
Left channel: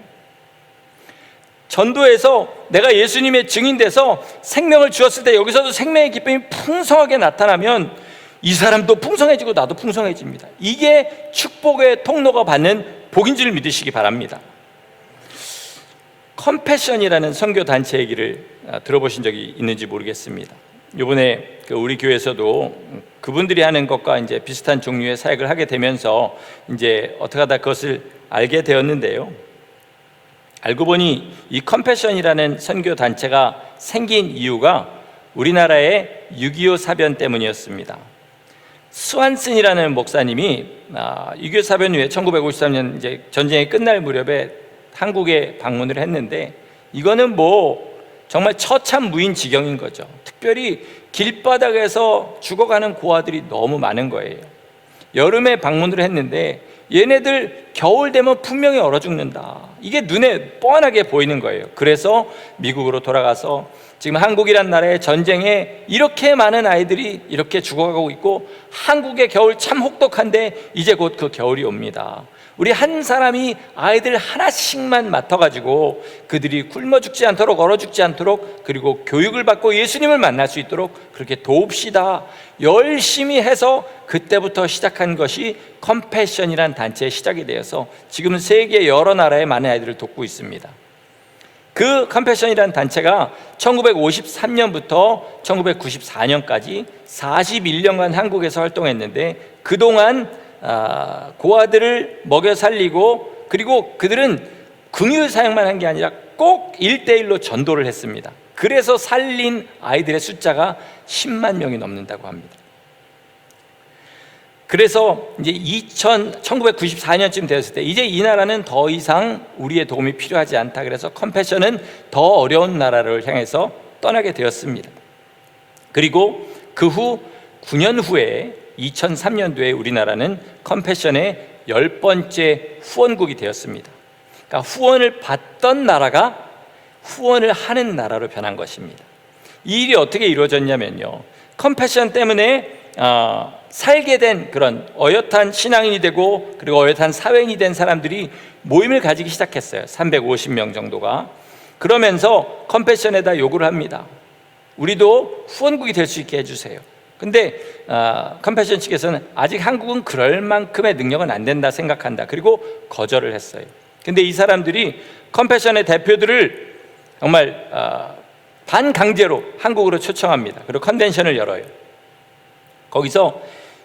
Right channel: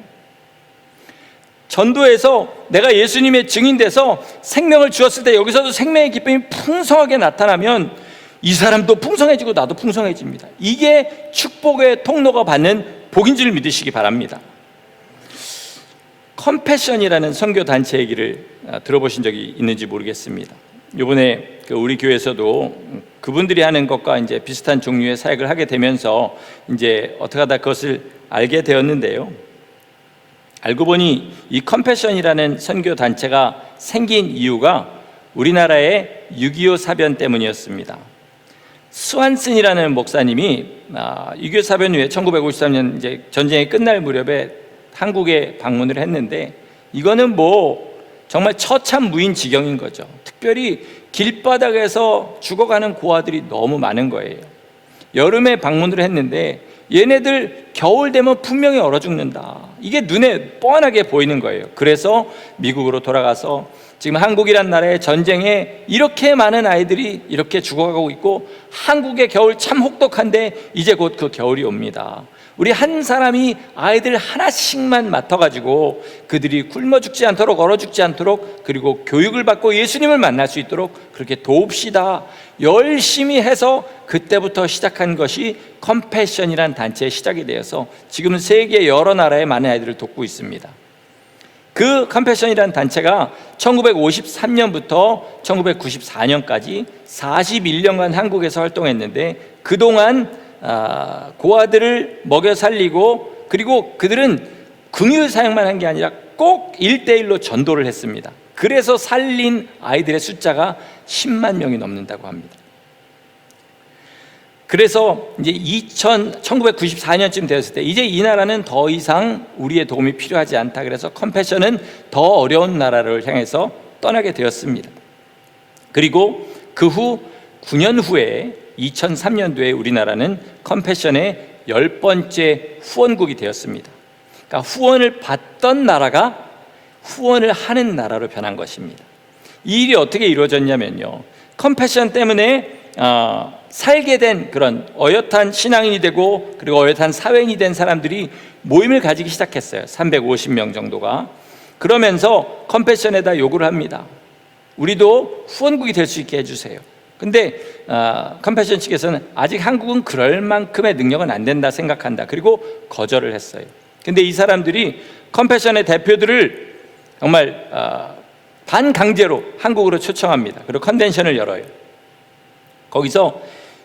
전도에서 내가 예수님의 증인돼서 생명을 주었을 때 여기서도 생명의 기쁨이 풍성하게 나타나면 이 사람도 풍성해지고 나도 풍성해집니다. 이게 축복의 통로가 받는 복인 줄 믿으시기 바랍니다. 컴패션이라는 선교단체 얘기를 들어보신 적이 있는지 모르겠습니다. 이번에 우리 교회에서도 그분들이 하는 것과 이제 비슷한 종류의 사역을 하게 되면서 이제 어떻게 하다 그것을 알게 되었는데요. 알고 보니 이 컴패션이라는 선교단체가 생긴 이유가 우리나라의 6.25 사변 때문이었습니다. 스완슨이라는 목사님이 6.25 사변 후에 1953년 이제 전쟁이 끝날 무렵에 한국에 방문을 했는데 이거는 뭐 정말 처참무인 지경인 거죠. 특별히 길바닥에서 죽어가는 고아들이 너무 많은 거예요. 여름에 방문을 했는데 얘네들 겨울 되면 분명히 얼어 죽는다. 이게 눈에 뻔하게 보이는 거예요. 그래서 미국으로 돌아가서 지금 한국이란 나라의 전쟁에 이렇게 많은 아이들이 이렇게 죽어가고 있고 한국의 겨울 참 혹독한데 이제 곧 그 겨울이 옵니다. 우리 한 사람이 아이들 하나씩만 맡아가지고 그들이 굶어 죽지 않도록 얼어 죽지 않도록 그리고 교육을 받고 예수님을 만날 수 있도록 그렇게 도웁시다. 열심히 해서 그때부터 시작한 것이 컴패션이라는 단체의 시작이 되어서 지금은 세계 여러 나라의 많은 아이들을 돕고 있습니다. 그 컴패션이라는 단체가 1953년부터 1994년까지 41년간 한국에서 활동했는데 그동안 고아들을 먹여 살리고 그리고 그들은 긍휼 사역만 한 게 아니라 꼭 1대1로 전도를 했습니다. 그래서 살린 아이들의 숫자가 10만 명이 넘는다고 합니다. 그래서 이제 1994년쯤 되었을 때 이제 이 나라는 더 이상 우리의 도움이 필요하지 않다. 그래서 컴패션은 더 어려운 나라를 향해서 떠나게 되었습니다. 그리고 그 후 9년 후에 2003년도에 우리나라는 컴패션의 10번째 후원국이 되었습니다. 그러니까 후원을 받던 나라가 후원을 하는 나라로 변한 것입니다. 이 일이 어떻게 이루어졌냐면요, 컴패션 때문에 살게 된 그런 어엿한 신앙인이 되고 그리고 어엿한 사회인이 된 사람들이 모임을 가지기 시작했어요. 350명 정도가. 그러면서 컴패션에다 요구를 합니다. 우리도 후원국이 될 수 있게 해주세요. 근데 컴패션 측에서는 아직 한국은 그럴 만큼의 능력은 안 된다 생각한다. 그리고 거절을 했어요. 근데 이 사람들이 컴패션의 대표들을 정말 반강제로 한국으로 초청합니다. 그리고 컨벤션을 열어요. 거기서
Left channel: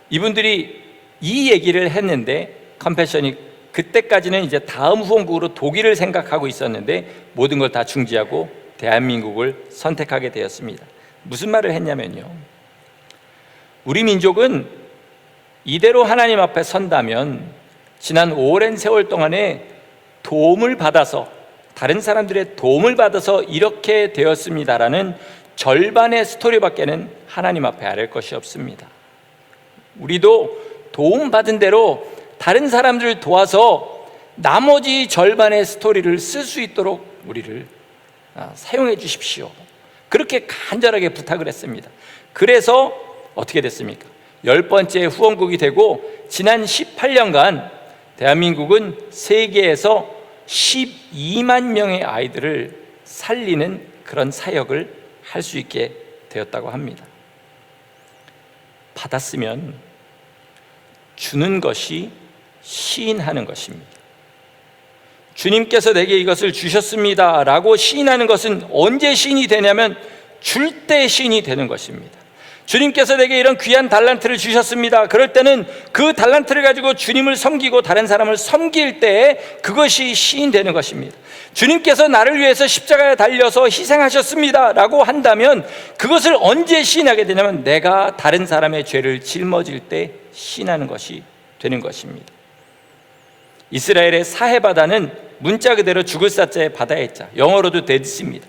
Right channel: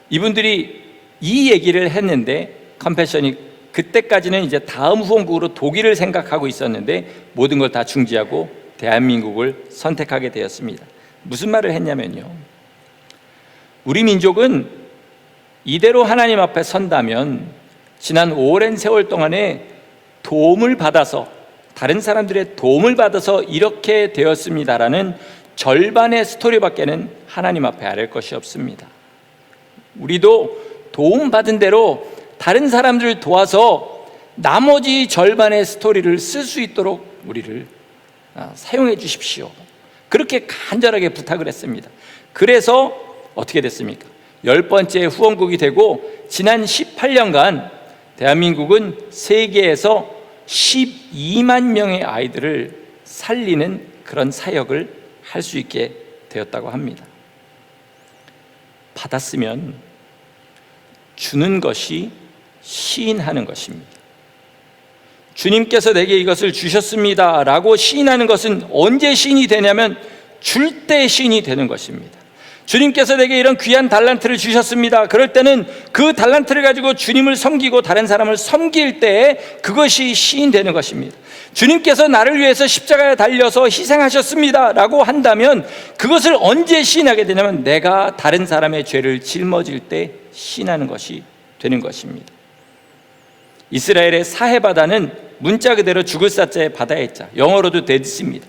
이분들이 이 얘기를 했는데 컴패션이 그때까지는 이제 다음 후원국으로 독일을 생각하고 있었는데 모든 걸 다 중지하고 대한민국을 선택하게 되었습니다. 무슨 말을 했냐면요, 우리 민족은 이대로 하나님 앞에 선다면 지난 오랜 세월 동안에 도움을 받아서, 다른 사람들의 도움을 받아서 이렇게 되었습니다라는 절반의 스토리밖에는 하나님 앞에 아뢰 것이 없습니다. 우리도 도움받은 대로 다른 사람들을 도와서 나머지 절반의 스토리를 쓸 수 있도록 우리를 사용해 주십시오. 그렇게 간절하게 부탁을 했습니다. 그래서 어떻게 됐습니까? 10번째 후원국이 되고 지난 18년간 대한민국은 세계에서 12만 명의 아이들을 살리는 그런 사역을 할 수 있게 되었다고 합니다. 받았으면 주는 것이 시인하는 것입니다. 주님께서 내게 이것을 주셨습니다 라고 시인하는 것은 언제 시인이 되냐면 줄 때 시인이 되는 것입니다. 주님께서 내게 이런 귀한 달란트를 주셨습니다. 그럴 때는 그 달란트를 가지고 주님을 섬기고 다른 사람을 섬길 때에 그것이 시인되는 것입니다. 주님께서 나를 위해서 십자가에 달려서 희생하셨습니다 라고 한다면 그것을 언제 시인하게 되냐면 내가 다른 사람의 죄를 짊어질 때 시인하는 것이 되는 것입니다. 이스라엘의 사해 바다는 문자 그대로 죽을 사자의 바다의 자, 영어로도 데드시입니다.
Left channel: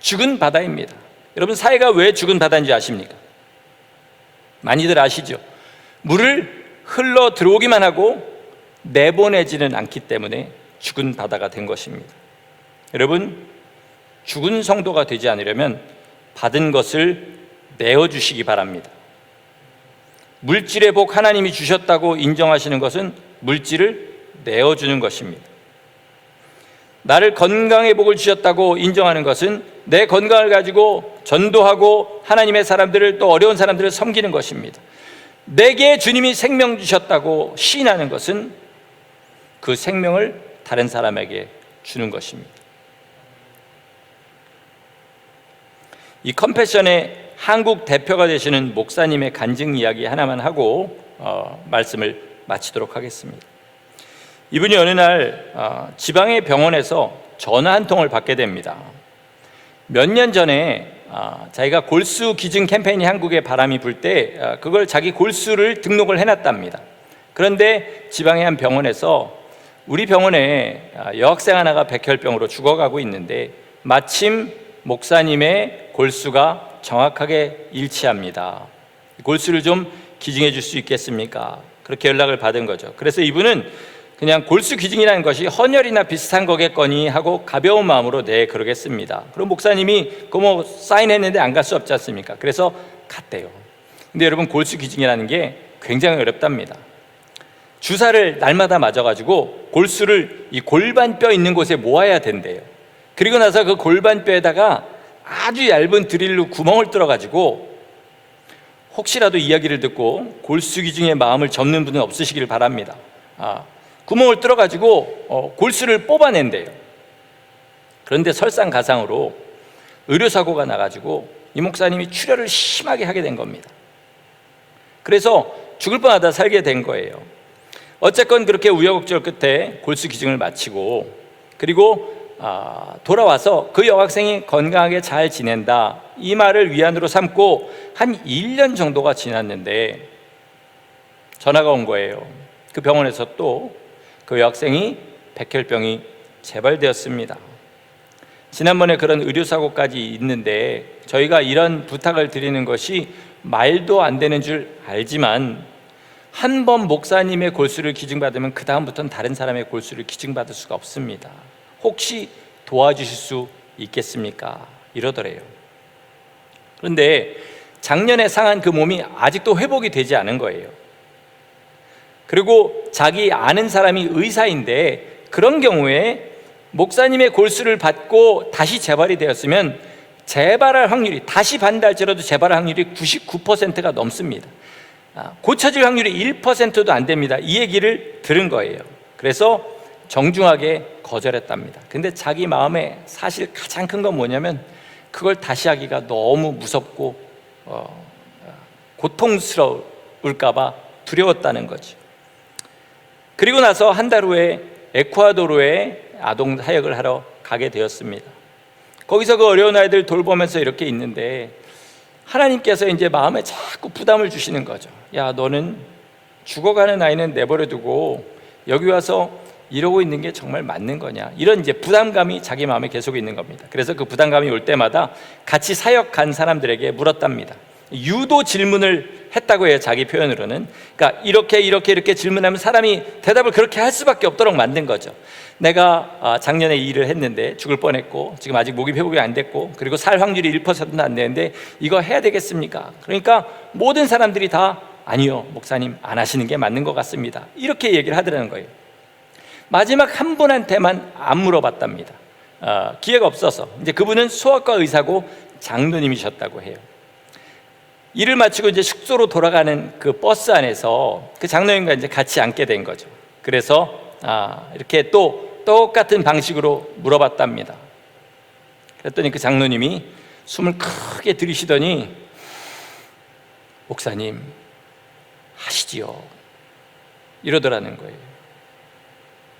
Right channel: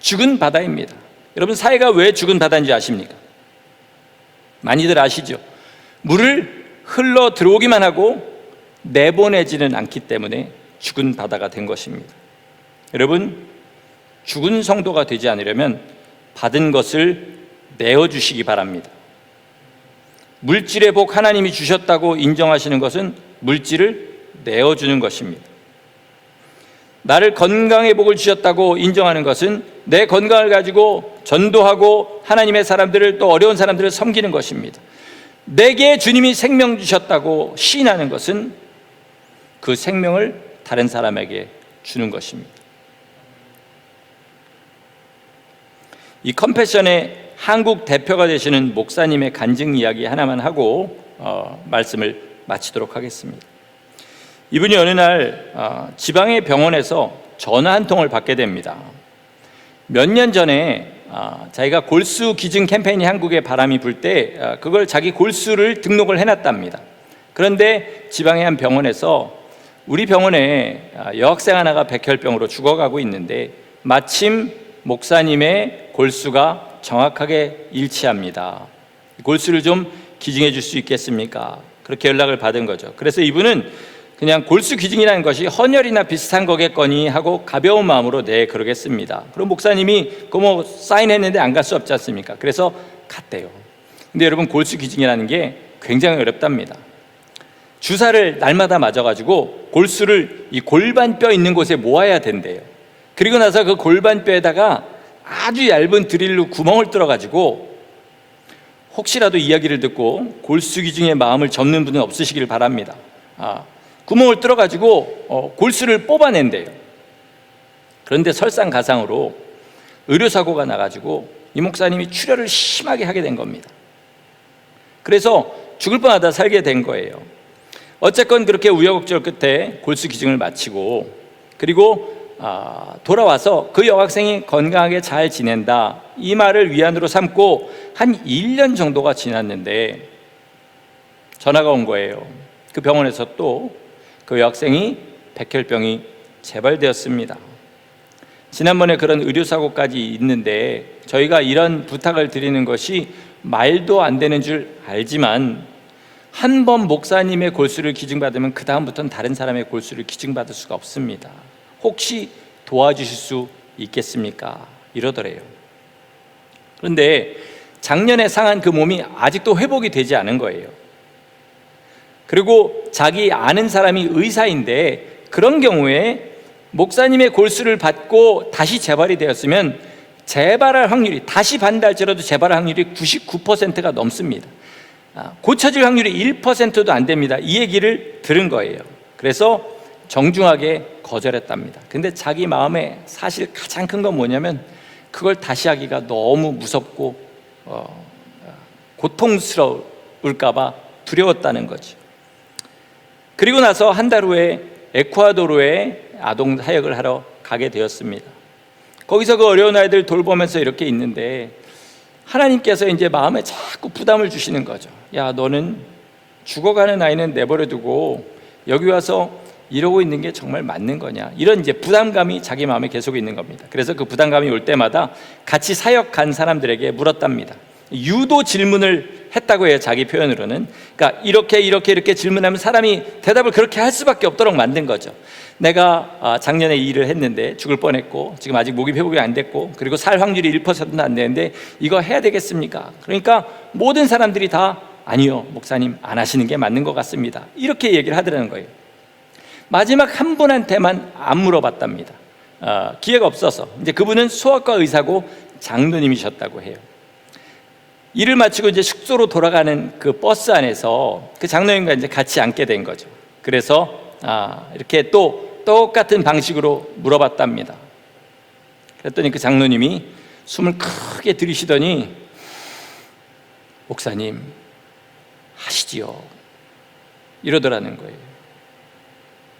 죽은 바다입니다. 여러분, 사해가 왜 죽은 바다인지 아십니까? 많이들 아시죠? 물을 흘러 들어오기만 하고 내보내지는 않기 때문에 죽은 바다가 된 것입니다. 여러분, 죽은 성도가 되지 않으려면 받은 것을 내어주시기 바랍니다. 물질의 복 하나님이 주셨다고 인정하시는 것은 물질을 내어주는 것입니다. 나를 건강의 복을 주셨다고 인정하는 것은 내 건강을 가지고 전도하고 하나님의 사람들을, 또 어려운 사람들을 섬기는 것입니다. 내게 주님이 생명 주셨다고 시인하는 것은 그 생명을 다른 사람에게 주는 것입니다. 이 컴패션의 한국 대표가 되시는 목사님의 간증 이야기 하나만 하고 말씀을 마치도록 하겠습니다. 이분이 어느 날 지방의 병원에서 전화 한 통을 받게 됩니다. 몇 년 전에 자기가 골수 기증 캠페인이 한국에 바람이 불 때 그걸 자기 골수를 등록을 해놨답니다. 그런데 지방의 한 병원에서 우리 병원에 여학생 하나가 백혈병으로 죽어가고 있는데 마침 목사님의 골수가 정확하게 일치합니다. 골수를 좀 기증해 줄 수 있겠습니까? 그렇게 연락을 받은 거죠. 그래서 이분은 그냥 골수 기증이라는 것이 헌혈이나 비슷한 거겠거니 하고 가벼운 마음으로 네, 그러겠습니다. 그럼 목사님이 그거 사인했는데 안 갈 수 없지 않습니까? 그래서 갔대요. 근데 여러분, 골수 기증이라는 게 굉장히 어렵답니다. 주사를 날마다 맞아가지고 골수를 이 골반뼈 있는 곳에 모아야 된대요. 그리고 나서 그 골반뼈에다가 아주 얇은 드릴로 구멍을 뚫어가지고, 혹시라도 이야기를 듣고 골수 기증의 마음을 접는 분은 없으시길 바랍니다. 구멍을 뚫어가지고 골수를 뽑아낸대요. 그런데 설상가상으로 의료사고가 나가지고 이 목사님이 출혈을 심하게 하게 된 겁니다. 그래서 죽을 뻔하다 살게 된 거예요. 어쨌건 그렇게 우여곡절 끝에 골수 기증을 마치고, 그리고 돌아와서 그 여학생이 건강하게 잘 지낸다, 이 말을 위안으로 삼고 한 1년 정도가 지났는데 전화가 온 거예요. 그 병원에서 또 그 여학생이 백혈병이 재발되었습니다. 지난번에 그런 의료사고까지 있는데 저희가 이런 부탁을 드리는 것이 말도 안 되는 줄 알지만 한 번 목사님의 골수를 기증받으면 그 다음부터는 다른 사람의 골수를 기증받을 수가 없습니다. 혹시 도와주실 수 있겠습니까? 이러더래요. 그런데 작년에 상한 그 몸이 아직도 회복이 되지 않은 거예요. 그리고 자기 아는 사람이 의사인데 그런 경우에 목사님의 골수를 받고 다시 재발이 되었으면 재발할 확률이, 다시 받는다 할지라도 재발할 확률이 99%가 넘습니다. 고쳐질 확률이 1%도 안 됩니다. 이 얘기를 들은 거예요. 그래서 정중하게 거절했답니다. 근데 자기 마음에 사실 가장 큰 건 뭐냐면 그걸 다시 하기가 너무 무섭고 고통스러울까 봐 두려웠다는 거죠. 그리고 나서 한 달 후에 에콰도르에 아동 사역을 하러 가게 되었습니다. 거기서 그 어려운 아이들 돌보면서 이렇게 있는데 하나님께서 이제 마음에 자꾸 부담을 주시는 거죠. 야, 너는 죽어가는 아이는 내버려 두고 여기 와서 이러고 있는 게 정말 맞는 거냐, 이런 이제 부담감이 자기 마음에 계속 있는 겁니다. 그래서 그 부담감이 올 때마다 같이 사역 간 사람들에게 물었답니다. 유도 질문을 했다고 해요. 자기 표현으로는. 그러니까 이렇게 질문하면 사람이 대답을 그렇게 할 수밖에 없도록 만든 거죠. 내가 작년에 이 일을 했는데 죽을 뻔했고 지금 아직 목이 회복이 안 됐고 그리고 살 확률이 1%도 안 되는데 이거 해야 되겠습니까? 그러니까 모든 사람들이 다 아니요, 목사님 안 하시는 게 맞는 것 같습니다, 이렇게 얘기를 하더라는 거예요. 마지막 한 분한테만 안 물어봤답니다. 기회가 없어서. 이제 그분은 소아과 의사고 장로님이셨다고 해요. 일을 마치고 이제 숙소로 돌아가는 그 버스 안에서 그 장로님과 이제 같이 앉게 된 거죠. 그래서 이렇게 또 똑같은 방식으로 물어봤답니다. 그랬더니 그 장로님이 숨을 크게 들이쉬더니 목사님 하시지요, 이러더라는 거예요.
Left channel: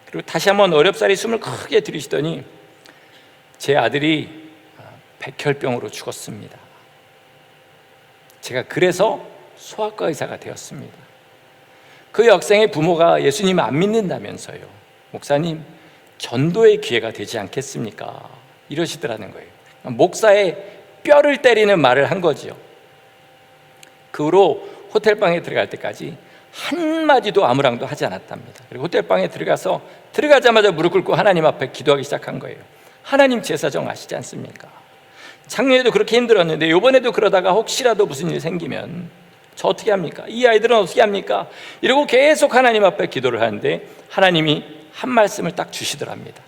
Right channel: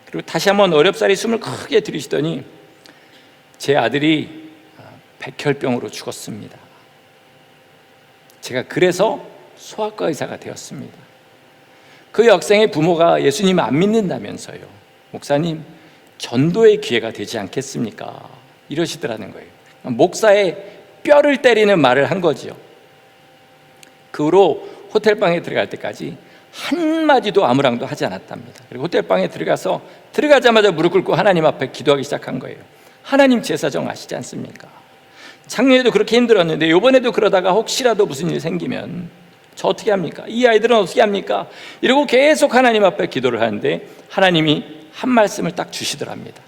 그리고 다시 한번 어렵사리 숨을 크게 들이쉬더니 제 아들이 백혈병으로 죽었습니다. 제가 그래서 소아과 의사가 되었습니다. 그 여학생의 부모가 예수님을 안 믿는다면서요. 목사님, 전도의 기회가 되지 않겠습니까? 이러시더라는 거예요. 목사의 뼈를 때리는 말을 한 거지요. 그 후로 호텔방에 들어갈 때까지 한마디도 아무랑도 하지 않았답니다. 그리고 호텔방에 들어가자마자 무릎 꿇고 하나님 앞에 기도하기 시작한 거예요. 하나님 제 사정 아시지 않습니까? 작년에도 그렇게 힘들었는데 이번에도 그러다가 혹시라도 무슨 일이 생기면 저 어떻게 합니까? 이 아이들은 어떻게 합니까? 이러고 계속 하나님 앞에 기도를 하는데 하나님이 한 말씀을 딱 주시더랍니다.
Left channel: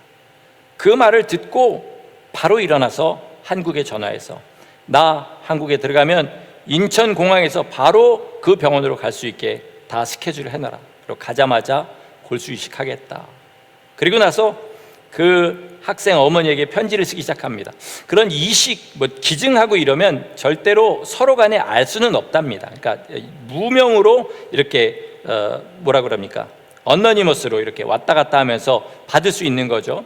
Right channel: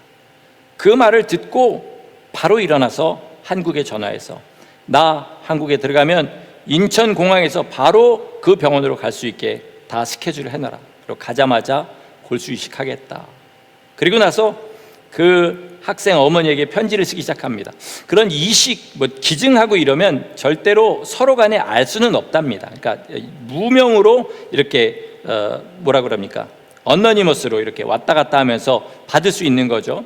그 말을 듣고 바로 일어나서 한국에 전화해서 나 한국에 들어가면 인천공항에서 바로 그 병원으로 갈 수 있게 다 스케줄을 해놔라. 그리고 가자마자 골수 이식하겠다. 그리고 나서 그 학생 어머니에게 편지를 쓰기 시작합니다. 그런 이식, 기증하고 이러면 절대로 서로 간에 알 수는 없답니다. 그러니까 무명으로 이렇게 뭐라 그럽니까? 어너니머스로 이렇게 왔다 갔다 하면서 받을 수 있는 거죠.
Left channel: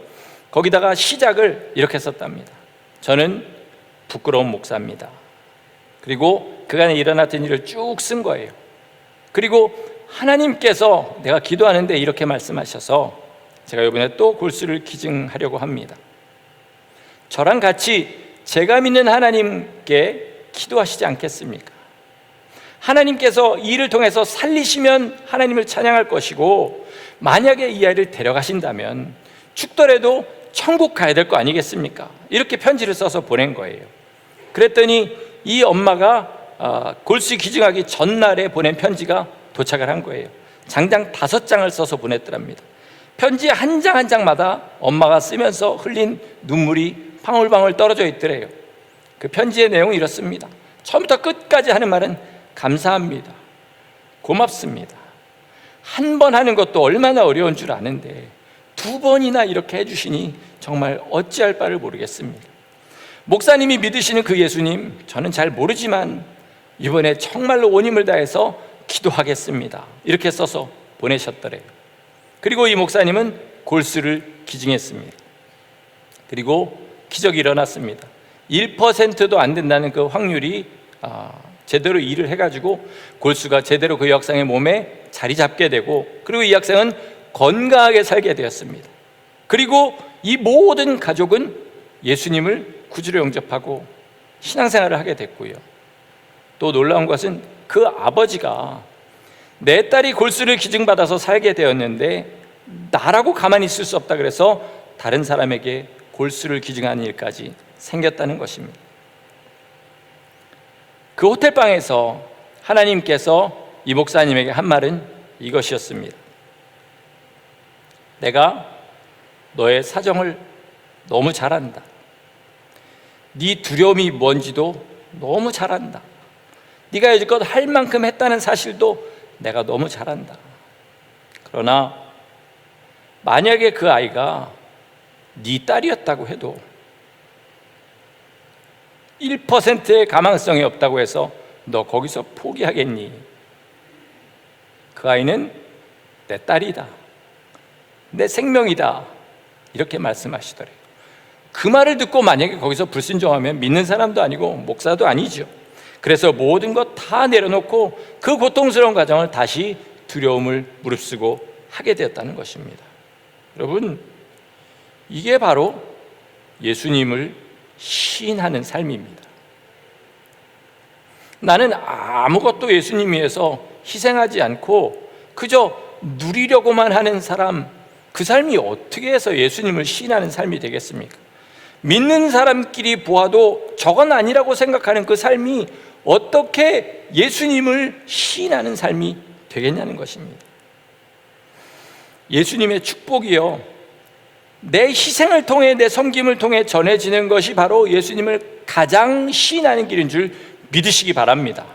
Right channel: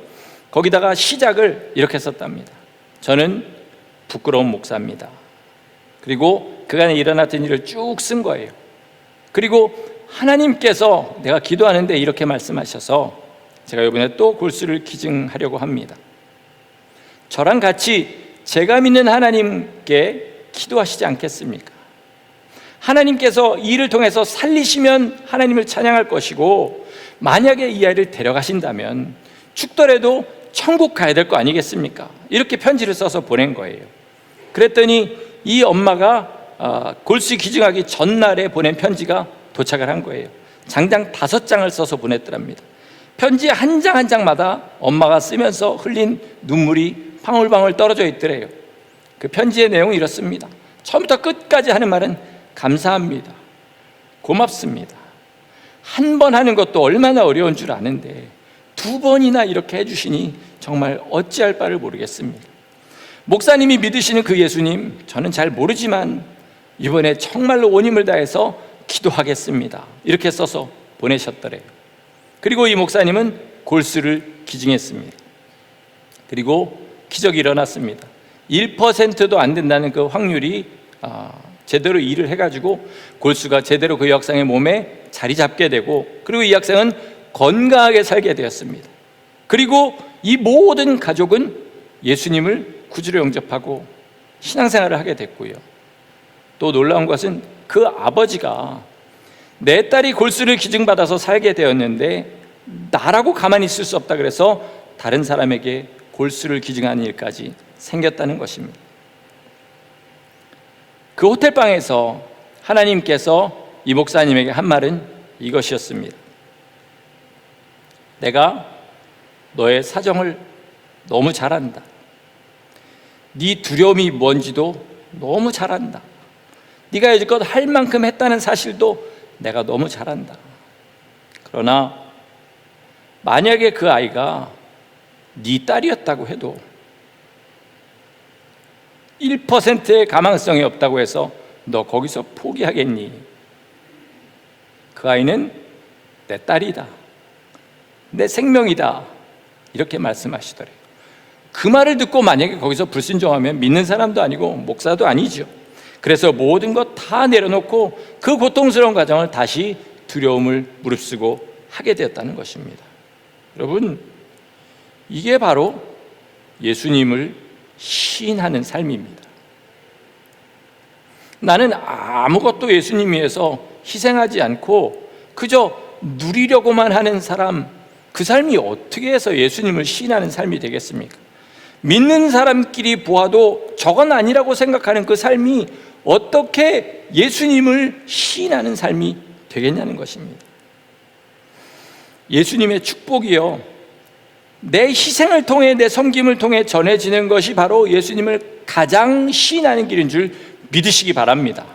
거기다가 시작을 이렇게 썼답니다. 저는 부끄러운 목사입니다. 그리고 그간에 일어났던 일을 쭉 쓴 거예요. 그리고 하나님께서 내가 기도하는데 이렇게 말씀하셔서 제가 이번에 또 골수를 기증하려고 합니다. 저랑 같이 제가 믿는 하나님께 기도하시지 않겠습니까? 하나님께서 이 일을 통해서 살리시면 하나님을 찬양할 것이고 만약에 이 아이를 데려가신다면 죽더라도 천국 가야 될 거 아니겠습니까? 이렇게 편지를 써서 보낸 거예요. 그랬더니 이 엄마가 골수 기증하기 전날에 보낸 편지가 도착을 한 거예요. 장장 5장을 써서 보냈더랍니다. 편지 한 장 한 장마다 엄마가 쓰면서 흘린 눈물이 방울방울 떨어져 있더래요. 그 편지의 내용은 이렇습니다. 처음부터 끝까지 하는 말은 감사합니다, 고맙습니다. 한 번 하는 것도 얼마나 어려운 줄 아는데 2번이나 이렇게 해주시니 정말 어찌할 바를 모르겠습니다. 목사님이 믿으시는 그 예수님 저는 잘 모르지만 이번에 정말로 온 힘을 다해서 기도하겠습니다, 이렇게 써서 보내셨더래요. 그리고 이 목사님은 골수를 기증했습니다. 그리고 기적이 일어났습니다. 1%도 안 된다는 그 확률이 제대로 일을 해가지고 골수가 제대로 그 여학생의 몸에 자리 잡게 되고 그리고 이 학생은 건강하게 살게 되었습니다. 그리고 이 모든 가족은 예수님을 구주로 영접하고 신앙생활을 하게 됐고요. 또 놀라운 것은 그 아버지가 내 딸이 골수를 기증받아서 살게 되었는데 나라고 가만히 있을 수 없다 그래서 다른 사람에게 골수를 기증하는 일까지 생겼다는 것입니다. 그 호텔방에서 하나님께서 이 목사님에게 한 말은 이것이었습니다. 내가 너의 사정을 너무 잘 안다. 네 두려움이 뭔지도 너무 잘 안다. 네가 여지껏 할 만큼 했다는 사실도 내가 너무 잘 안다. 그러나 만약에 그 아이가 네 딸이었다고 해도 1%의 가망성이 없다고 해서 너 거기서 포기하겠니? 그 아이는 내 딸이다. 내 생명이다. 이렇게 말씀하시더래요. 그 말을 듣고 만약에 거기서 불순종하면 믿는 사람도 아니고 목사도 아니죠. 그래서 모든 것 다 내려놓고 그 고통스러운 과정을 다시 두려움을 무릅쓰고 하게 되었다는 것입니다. 여러분, 이게 바로 예수님을 시인하는 삶입니다. 나는 아무것도 예수님 위해서 희생하지 않고 그저 누리려고만 하는 사람, 그 삶이 어떻게 해서 예수님을 시인하는 삶이 되겠습니까? 믿는 사람끼리 보아도 저건 아니라고 생각하는 그 삶이 어떻게 예수님을 시인하는 삶이 되겠냐는 것입니다. 예수님의 축복이요, 내 희생을 통해 내 섬김을 통해 전해지는 것이 바로 예수님을 가장 시인하는 길인 줄 믿으시기 바랍니다.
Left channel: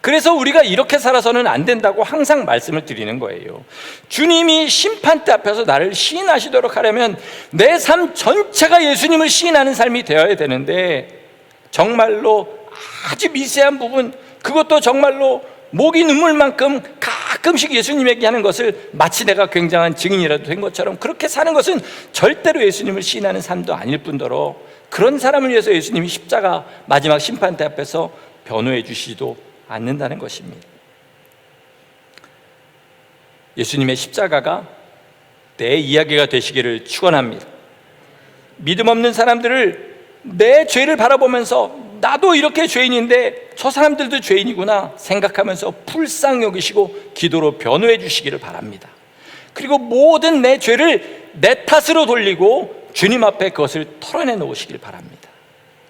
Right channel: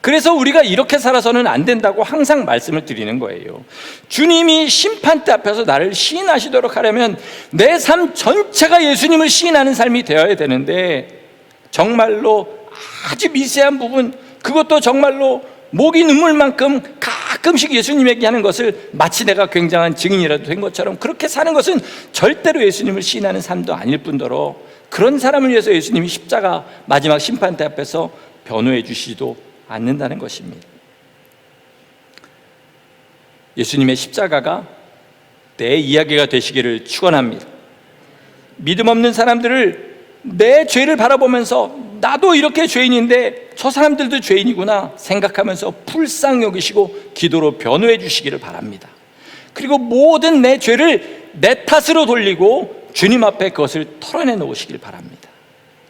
그래서 우리가 이렇게 살아서는 안 된다고 항상 말씀을 드리는 거예요. 주님이 심판대 앞에서 나를 시인하시도록 하려면 내 삶 전체가 예수님을 시인하는 삶이 되어야 되는데, 정말로 아주 미세한 부분, 그것도 정말로 목이 눈물만큼 가끔씩 예수님에게 하는 것을 마치 내가 굉장한 증인이라도 된 것처럼 그렇게 사는 것은 절대로 예수님을 시인하는 삶도 아닐 뿐더러, 그런 사람을 위해서 예수님이 십자가 마지막 심판대 앞에서 변호해 주시지도 않는다는 것입니다. 예수님의 십자가가 내 이야기가 되시기를 축원합니다. 믿음 없는 사람들을 내 죄를 바라보면서 나도 이렇게 죄인인데 저 사람들도 죄인이구나 생각하면서 불쌍히 여기시고 기도로 변호해 주시기를 바랍니다. 그리고 모든 내 죄를 내 탓으로 돌리고 주님 앞에 그것을 털어내 놓으시길 바랍니다.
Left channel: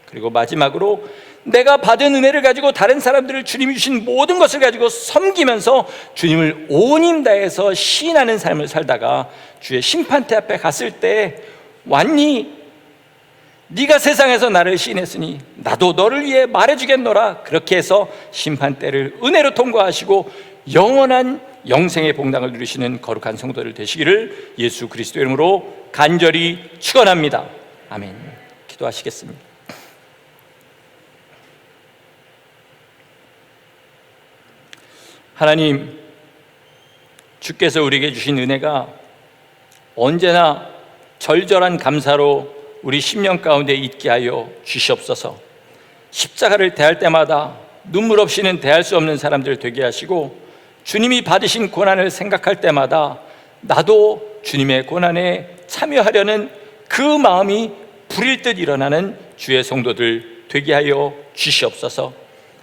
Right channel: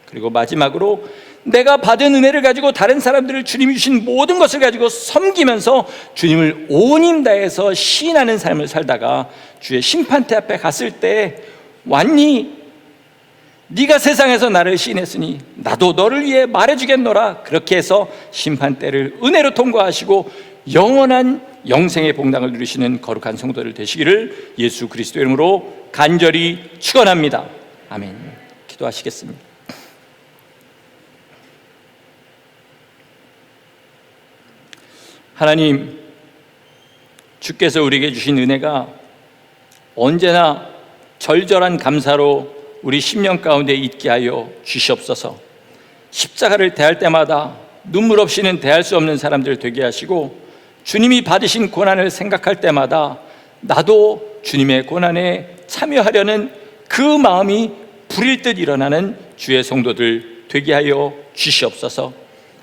그리고 마지막으로 내가 받은 은혜를 가지고 다른 사람들을 주님이 주신 모든 것을 가지고 섬기면서 주님을 온 힘 다해서 시인하는 삶을 살다가 주의 심판대 앞에 갔을 때, 왔니? 네가 세상에서 나를 시인했으니 나도 너를 위해 말해주겠노라. 그렇게 해서 심판대를 은혜로 통과하시고 영원한 영생의 복락을 누리시는 거룩한 성도들 되시기를 예수 그리스도 이름으로 간절히 축원합니다. 아멘. 기도하시겠습니다. 하나님, 주께서 우리에게 주신 은혜가 언제나 절절한 감사로 우리 심령 가운데 있게 하여 주시옵소서. 십자가를 대할 때마다 눈물 없이는 대할 수 없는 사람들 되게 하시고, 주님이 받으신 고난을 생각할 때마다 나도 주님의 고난에 참여하려는 그 마음이 불일 듯 일어나는 주의 성도들 되게 하여 주시옵소서.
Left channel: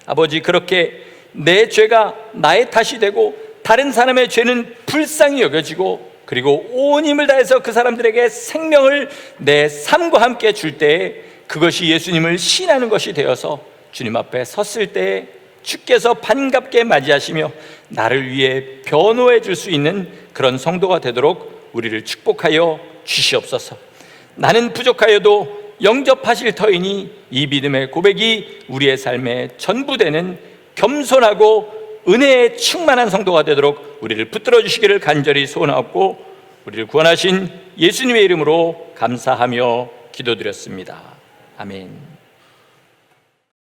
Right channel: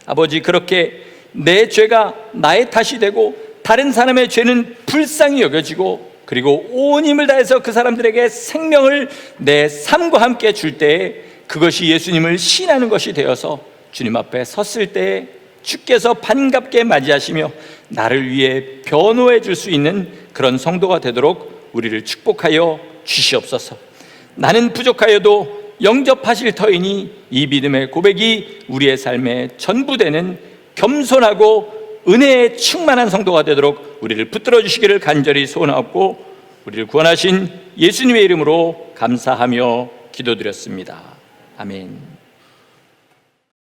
아버지, 그렇게 내 죄가 나의 탓이 되고 다른 사람의 죄는 불쌍히 여겨지고, 그리고 온 힘을 다해서 그 사람들에게 생명을 내 삶과 함께 줄 때에 그것이 예수님을 시인하는 것이 되어서 주님 앞에 섰을 때에 주께서 반갑게 맞이하시며 나를 위해 변호해 줄 수 있는 그런 성도가 되도록 우리를 축복하여 주시옵소서. 나는 부족하여도 영접하실 터이니 이 믿음의 고백이 우리의 삶에 전부되는 겸손하고 은혜에 충만한 성도가 되도록 우리를 붙들어 주시기를 간절히 소원하고, 우리를 구원하신 예수님의 이름으로 감사하며 기도드렸습니다. 아멘.